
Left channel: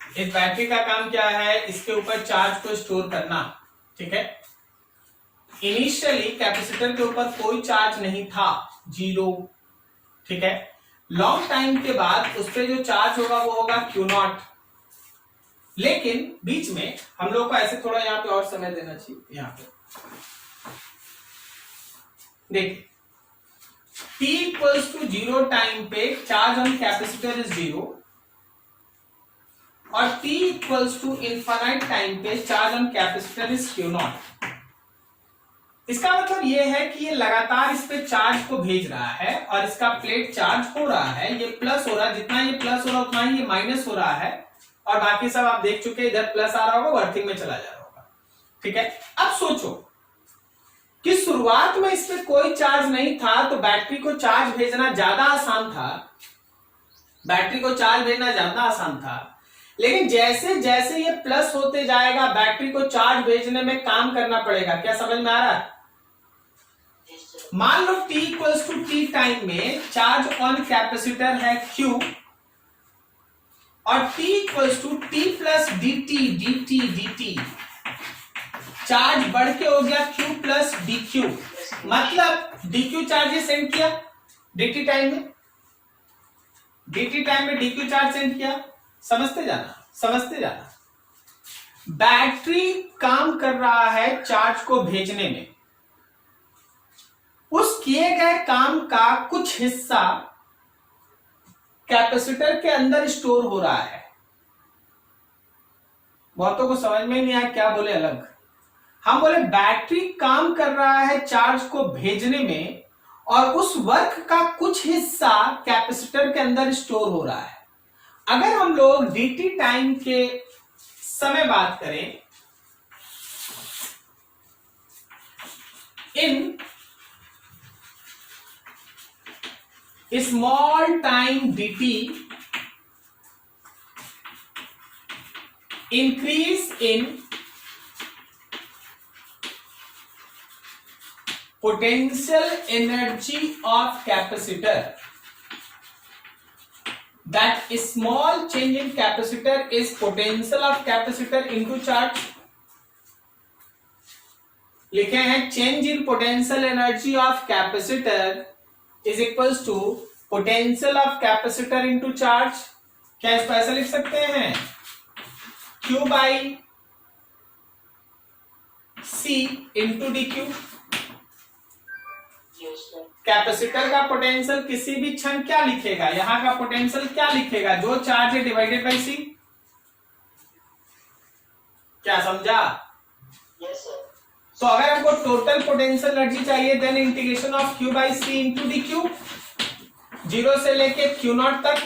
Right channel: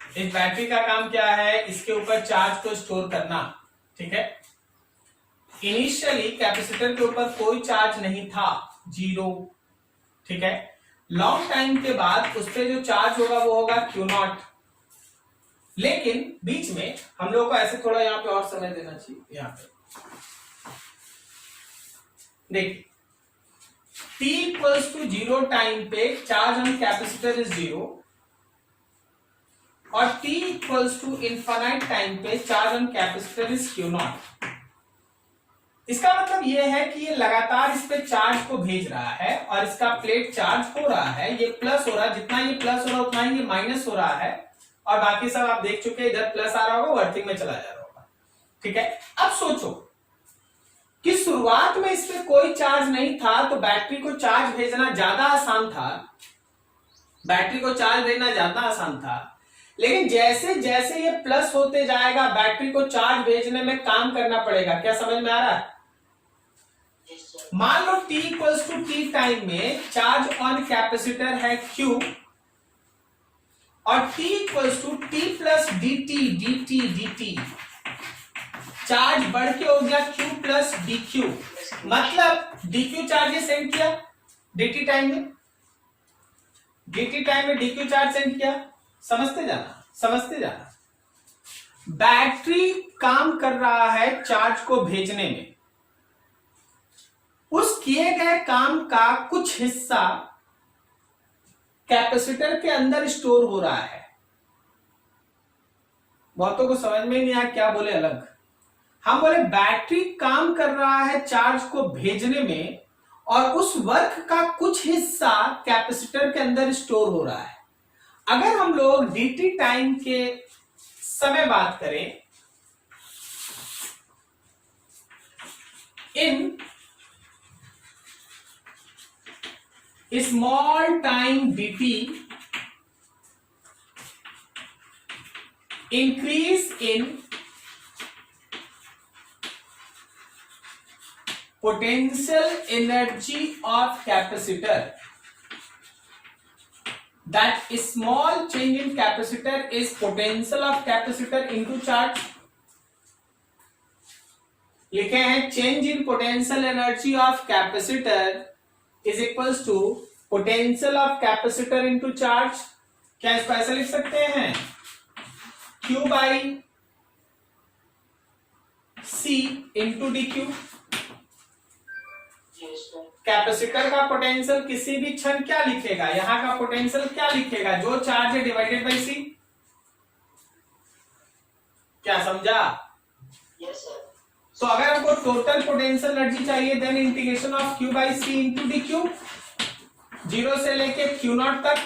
इस बैटरी का काम क्या है, इसके ऊपर चार्ज को स्टोर करना, ठीक है। इनिशियली कैपेसिटर के ऊपर कोई चार्ज नहीं था, जीरो, ठीक है। लॉन्ग टाइम के बाद उस पर जो चार्ज होगा वो होगा Q0। लेकिन बीच में हम लोग को ऐसे थोड़ा यहाँ पे और समय देना चाहिए। यहाँ पे देखिए, t इक्वल्स टू 0 टाइम पे चार्ज ऑन कैपेसिटर इज 0, और t equals to infinite time पे charge on capacitor is Q0। इसका मतलब यह है कि ये लगातार इस पे चार्ज को भेज रहा है, और इसका प्लेट चार्ज हो रहा है, ये प्लस हो रहा है, जितना ये प्लस हो रहा है उतना ही ये माइनस हो रहा है, और बाकी सब आप देख चुके, इधर प्लस आ रहा होगा, वो अर्थिंग में चला जा रहा होगा, ठीक है। अब सोचो कि शुरुआत में इस पे कोई चार्ज नहीं था, तो बैटरी को चार्ज भेजना ज्यादा आसान था, बैटरी को चार्ज भेजना ज्यादा आसान था। लेकिन जैसे जैसे ये प्लस होते जाएगा, बैटरी को चार्ज भेजने में काम करना पड़ेगा। क्या समझ में आ रहा है? मान लो t equals to T time में चार्ज ऑन कैपेसिटर है Q, और t equals to T plus dt charge बढ़ के हो गया Q प्लस dq, मतलब dq चार्ज सेंड किया dt टाइम में, dq चार्ज सेंड किया। समझते जाना। बैटरी काम कर रहा है चार्ज को भेजने में, उस किए गए काम का कुछ हिस्सा कैपेसिटर के अंदर स्टोर हो रहा है। बहुतों को समझ में नहीं आया क्या बोले अलग। हम बोले बैटरी काम कर रहा है चार्ज को भेजने में, और उस वर्क का कुछ हिस्सा कैपेसिटर के अंदर स्टोर हो रहा है। अगर हम लोग dt टाइम के समय बात करें, in small time dt increase in potential energy of capacitor, that small change in capacitor is potential of capacitor into charge। लिखे हैं change in potential energy of capacitor is equals to potential of capacitor into charge। क्या इसको ऐसा लिख सकते हैं, Q by C into dq। Capacitor का potential किसी भी क्षण क्या लिखेगा, यहां का पोटेंशियल क्या लिखेगा, जो चार्ज है डिवाइडेड बाई सी। क्या समझा? Yes, sir. तो अगर हमको टोटल पोटेंशियल एनर्जी चाहिए then integration of Q by C into D Q, zero से लेके Q नॉट तक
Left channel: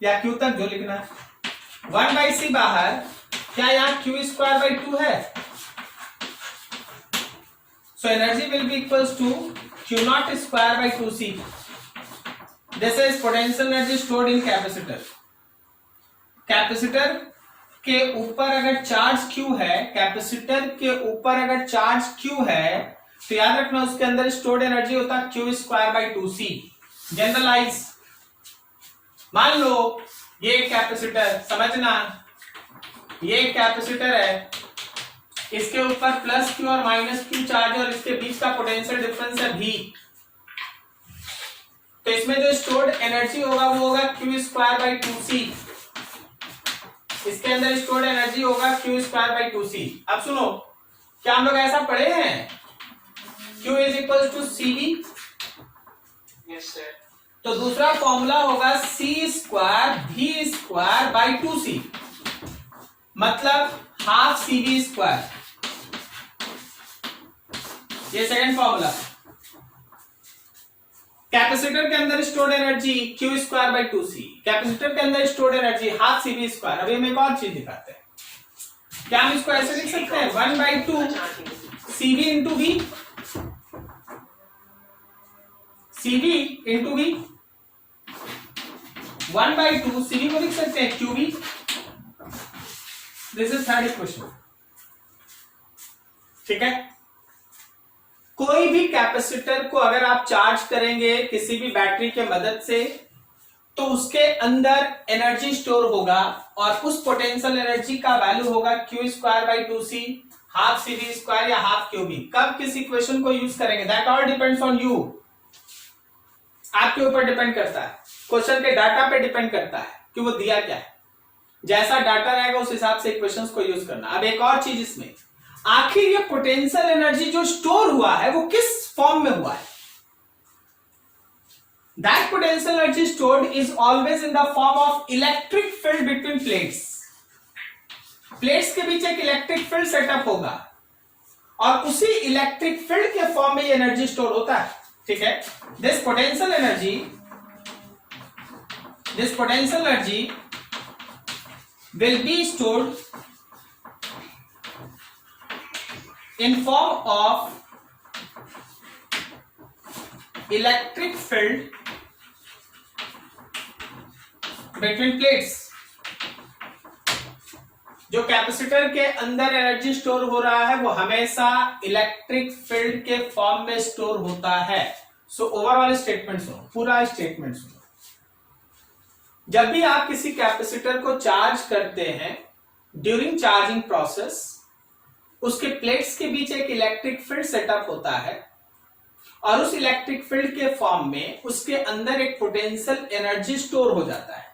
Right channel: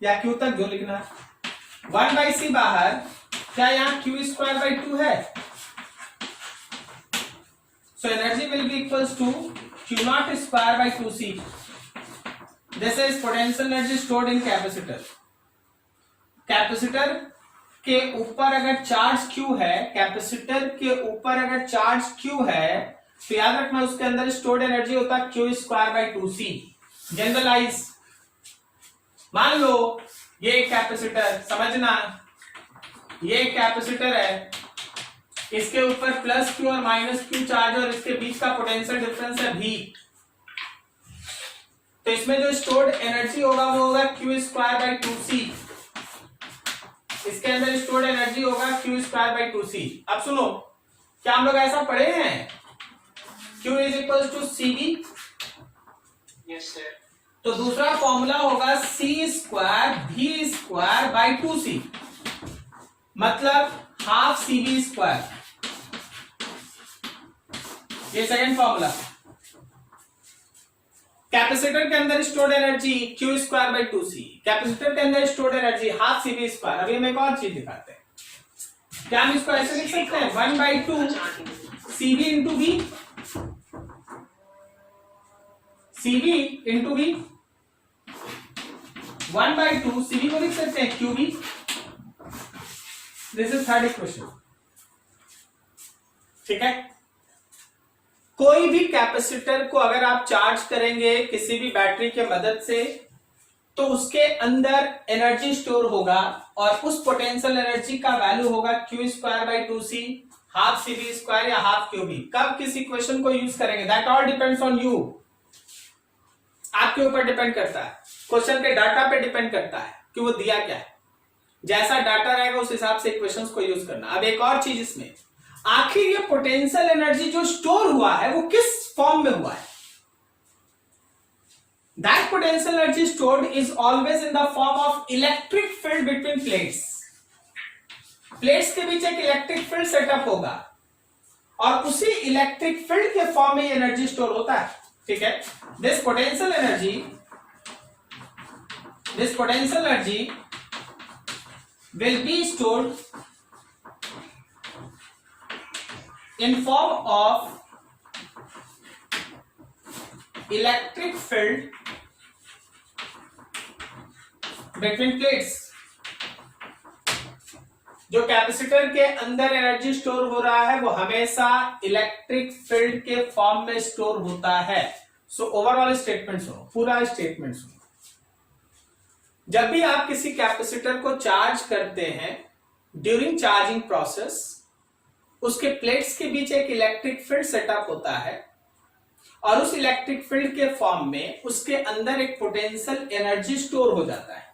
या Q तक जो लिखना है, 1 बाई सी बाहर, क्या यहाँ Q स्क्वायर बाई 2 है, so energy will be equals to Q naught square by 2C. This is potential energy stored in capacitor. Capacitor के ऊपर अगर चार्ज Q है, कैपेसिटर के ऊपर अगर चार्ज Q है, तो याद रखना उसके अंदर स्टोर्ड एनर्जी होता है Q square by 2C. Generalise, मान लो ये कैपेसिटर, समझना ये कैपेसिटर है, इसके ऊपर प्लस Q और माइनस Q चार्ज और इसके बीच का पोटेंशियल डिफरेंस है V. तो इसमें जो स्टोर्ड एनर्जी होगा वो होगा Q स्क्वायर बाई 2C. इसके अंदर स्टोर्ड एनर्जी होगा Q स्क्वायर बाई 2C. अब सुनो, क्या हम लोग ऐसा पढ़े हैं, Q is equal to CV. Yes, sir. तो दूसरा फॉर्मूला होगा C square V square by 2C, मतलब हाफ CV स्क्वायर. ये सेकंड फॉर्मूला. कैपेसिटर के अंदर stored energy Q square by 2C, capacitor के अंदर stored energy half CV square. अभी हम एक और चीज दिखाते हैं. क्या हम इसको ऐसे लिख सकते हैं, 1 by 2 CV into V, CV into V, 1 by 2 CV को लिख सकते हैं QV. This is third equation. ठीक है. कोई भी कैपेसिटर को अगर आप चार्ज करेंगे किसी भी बैटरी के मदद से, तो उसके अंदर एनर्जी स्टोर होगा और उस पोटेंशियल एनर्जी का वैल्यू होगा Q square by 2C, half CV square या हाफ QV. कब किस इक्वेशन को यूज करेंगे, that all depends on you. आपके ऊपर डिपेंड करता है, क्वेश्चन के डाटा पे डिपेंड करता है कि वो दिया क्या है. जैसा डाटा रहेगा उस हिसाब से इक्वेशंस को यूज करना. अब एक और चीज इसमें, आखिर ये पोटेंशियल एनर्जी जो स्टोर हुआ है वो किस फॉर्म में हुआ है. That potential energy stored is always in the form of electric field between plates. Plates के बीच एक इलेक्ट्रिक फील्ड सेटअप होगा और उसी इलेक्ट्रिक फील्ड के फॉर्म में ये एनर्जी स्टोर होता है. ठीक है. This potential energy will be stored in form of electric field between plates. जो कैपेसिटर के अंदर एनर्जी स्टोर हो रहा है वो हमेशा इलेक्ट्रिक फील्ड के फॉर्म में स्टोर होता है. सो ओवरऑल स्टेटमेंट सुनो, पूरा स्टेटमेंट सुनो. जब भी आप किसी कैपेसिटर को चार्ज करते हैं, ड्यूरिंग चार्जिंग प्रोसेस उसके प्लेट्स के बीच एक इलेक्ट्रिक फील्ड सेटअप होता है और उस इलेक्ट्रिक फील्ड के फॉर्म में उसके अंदर एक पोटेंशियल एनर्जी स्टोर हो जाता है.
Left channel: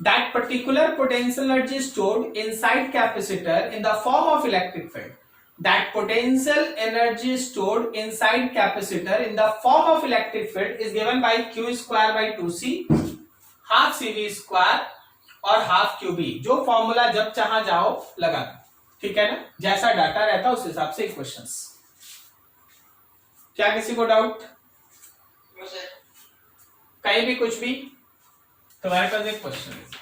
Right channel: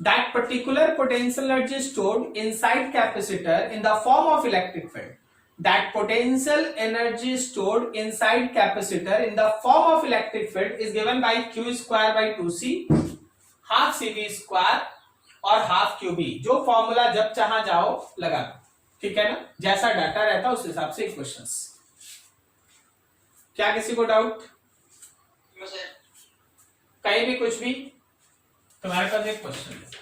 That particular potential energy stored inside capacitor in the form of electric field. That potential energy stored inside capacitor in the form of electric field is given by Q square by 2C, half CV square और half QV. जो formula जब चाहा जाओ लगा. ठीक है ना, जैसा डाटा रहता है उस हिसाब से इक्वेशंस. क्या किसी को डाउट, No, sir. कहीं भी कुछ भी? तुम्हारे पास एक क्वेश्चन है.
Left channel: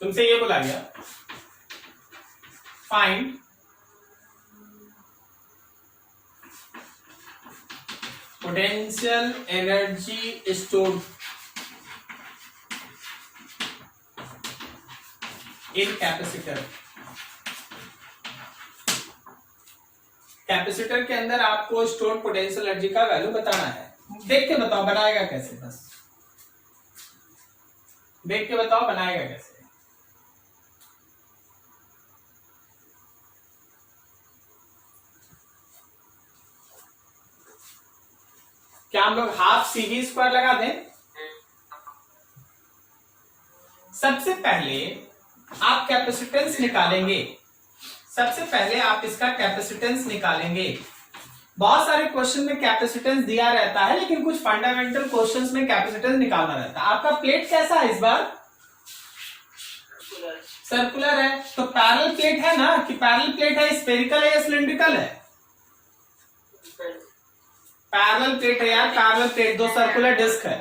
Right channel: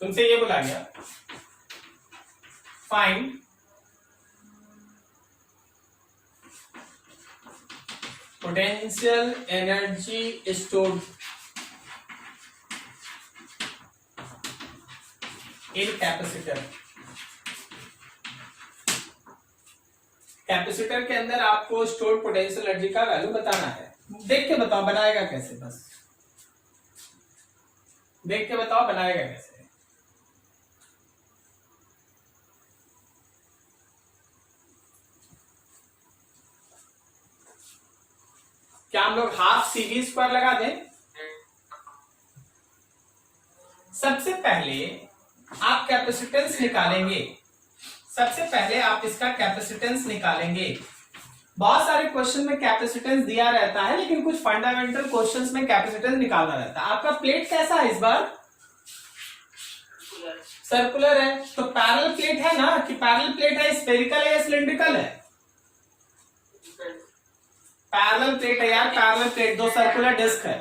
तुमसे ये बोला गया, find potential energy stored in capacitor. Capacitor के अंदर आपको स्टोर्ड पोटेंशियल एनर्जी का वैल्यू बताना है. देख के बताओ बनाएगा कैसे, बस देख के बताओ बनाएगा कैसे. हम लोग हाफ CV स्क्वायर लगा दें। सबसे पहले आप कैपेसिटेंस निकालेंगे, सबसे पहले आप इसका कैपेसिटेंस निकालेंगे। बहुत सारे क्वेश्चन में कैपेसिटेंस दिया रहता है, लेकिन कुछ फंडामेंटल क्वेश्चंस में कैपेसिटेंस निकालना रहता है। आपका प्लेट कैसा है इस बार? सर्कुलर है, तो पैरेलल प्लेट है ना, कि पैरेलल प्लेट है, स्फेरिकल है या सिलिंड्रिकल है? पैरेलल प्लेट है यार, पैरेलल प्लेट, दो सर्कुलर डिस्क है।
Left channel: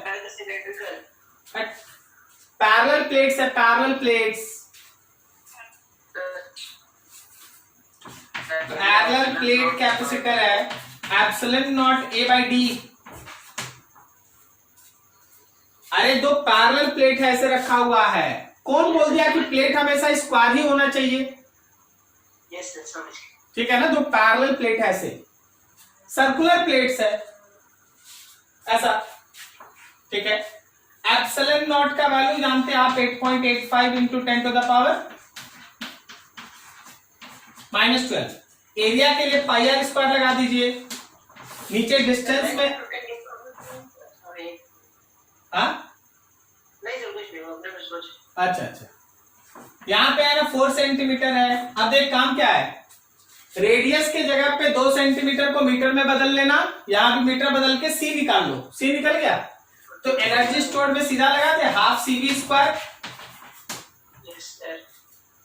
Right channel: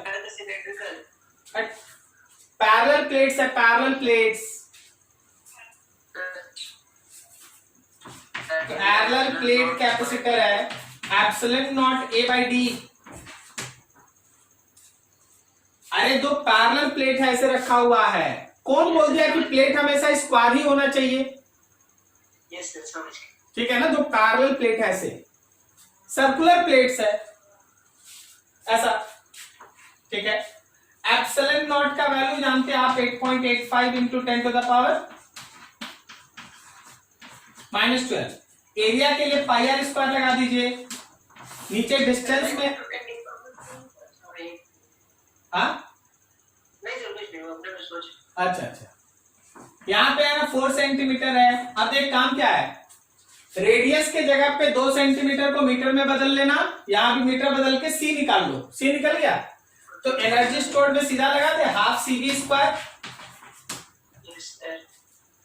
पैरेलल प्लेट्स है, parallel plates. Parallel plate capacitor है, epsilon naught A by D। अरे दो पैरेलल प्लेट है, ऐसे रखा हुआ है। कौन बोल दिया कि प्लेट हमेशा स्क्वायर ही होना चाहिए? Yes, sir. समझ गए. ठीक है ना, जो पैरेलल प्लेट है ऐसे, सर्कुलर प्लेट्स है ऐसा, ठीक है। एप्सिलॉन नॉट का वैल्यू जानते हैं आप, 8.85 into 10 to the power -12। Area के लिए पाई आर स्क्वायर लगा दीजिए। नीचे डिस्टेंस में हाँ नहीं सर, कुछ नहीं, अपने में सोच. अच्छा, यहाँ पे है ना 4 सेंटीमीटर है। अब एक काम क्या है, रेडियस के जगह पे 2 सेंटीमीटर को मीटर में बदल लेना, यहाँ भी मीटर बदल के C निकाल लो। C निकल गया तो एनर्जी स्टोर्ड में सीधा लगा दे, half CV square. Yes, sir.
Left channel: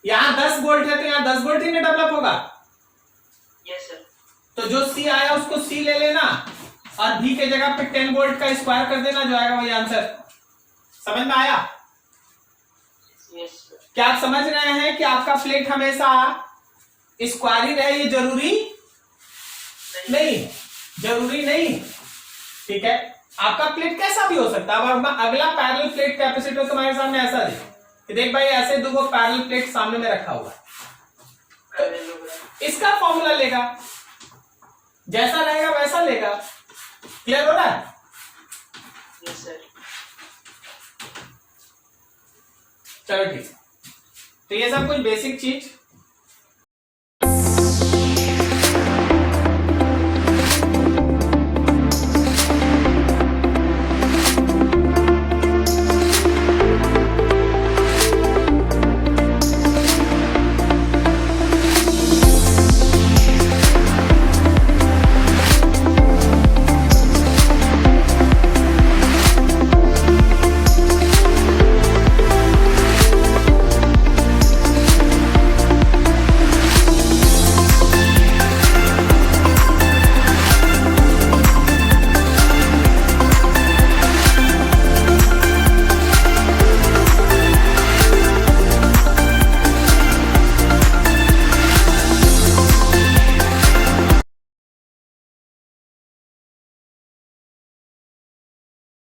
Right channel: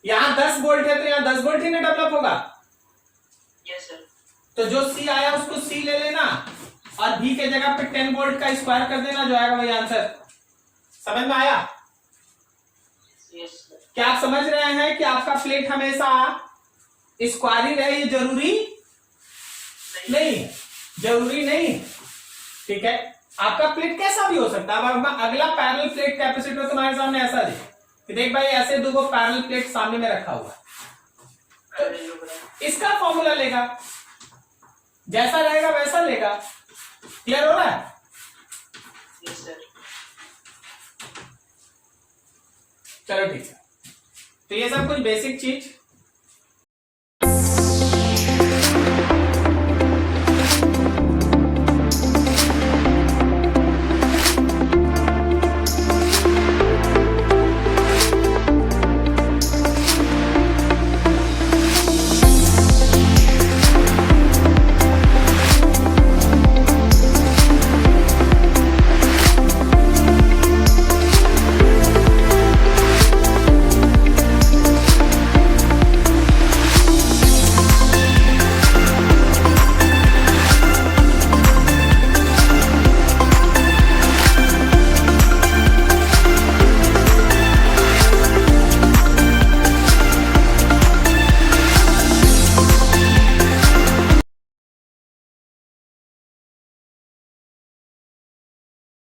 यहाँ 10 वोल्ट है तो यहाँ 10 वोल्ट ही ना डेवलप होगा। Yes, sir. तो जो C आया उसको C ले लेना और V के जगह पे 10 वोल्ट का स्क्वायर कर देना, जो आएगा वही आंसर। समझ में आया? Yes, sir. क्या आप समझ रहे हैं कि आपका प्लेट हमेशा स्क्वायर ही रहे, ये जरूरी नहीं, जरूरी नहीं, ठीक है। आपका प्लेट कैसा भी हो सकता है। अब अगला पैरेलल प्लेट कैपेसिटर तुम्हारे सामने ऐसा है कि देख भाई, ऐसे दो पैरेलल प्लेट सामने में रखा हुआ है, तो इसका फॉर्मूला लेगा, जैसा रहेगा वैसा लेगा। क्लियर हो रहा है? Yes, sir. चलो ठीक है, तो ये सब कुछ बेसिक चीज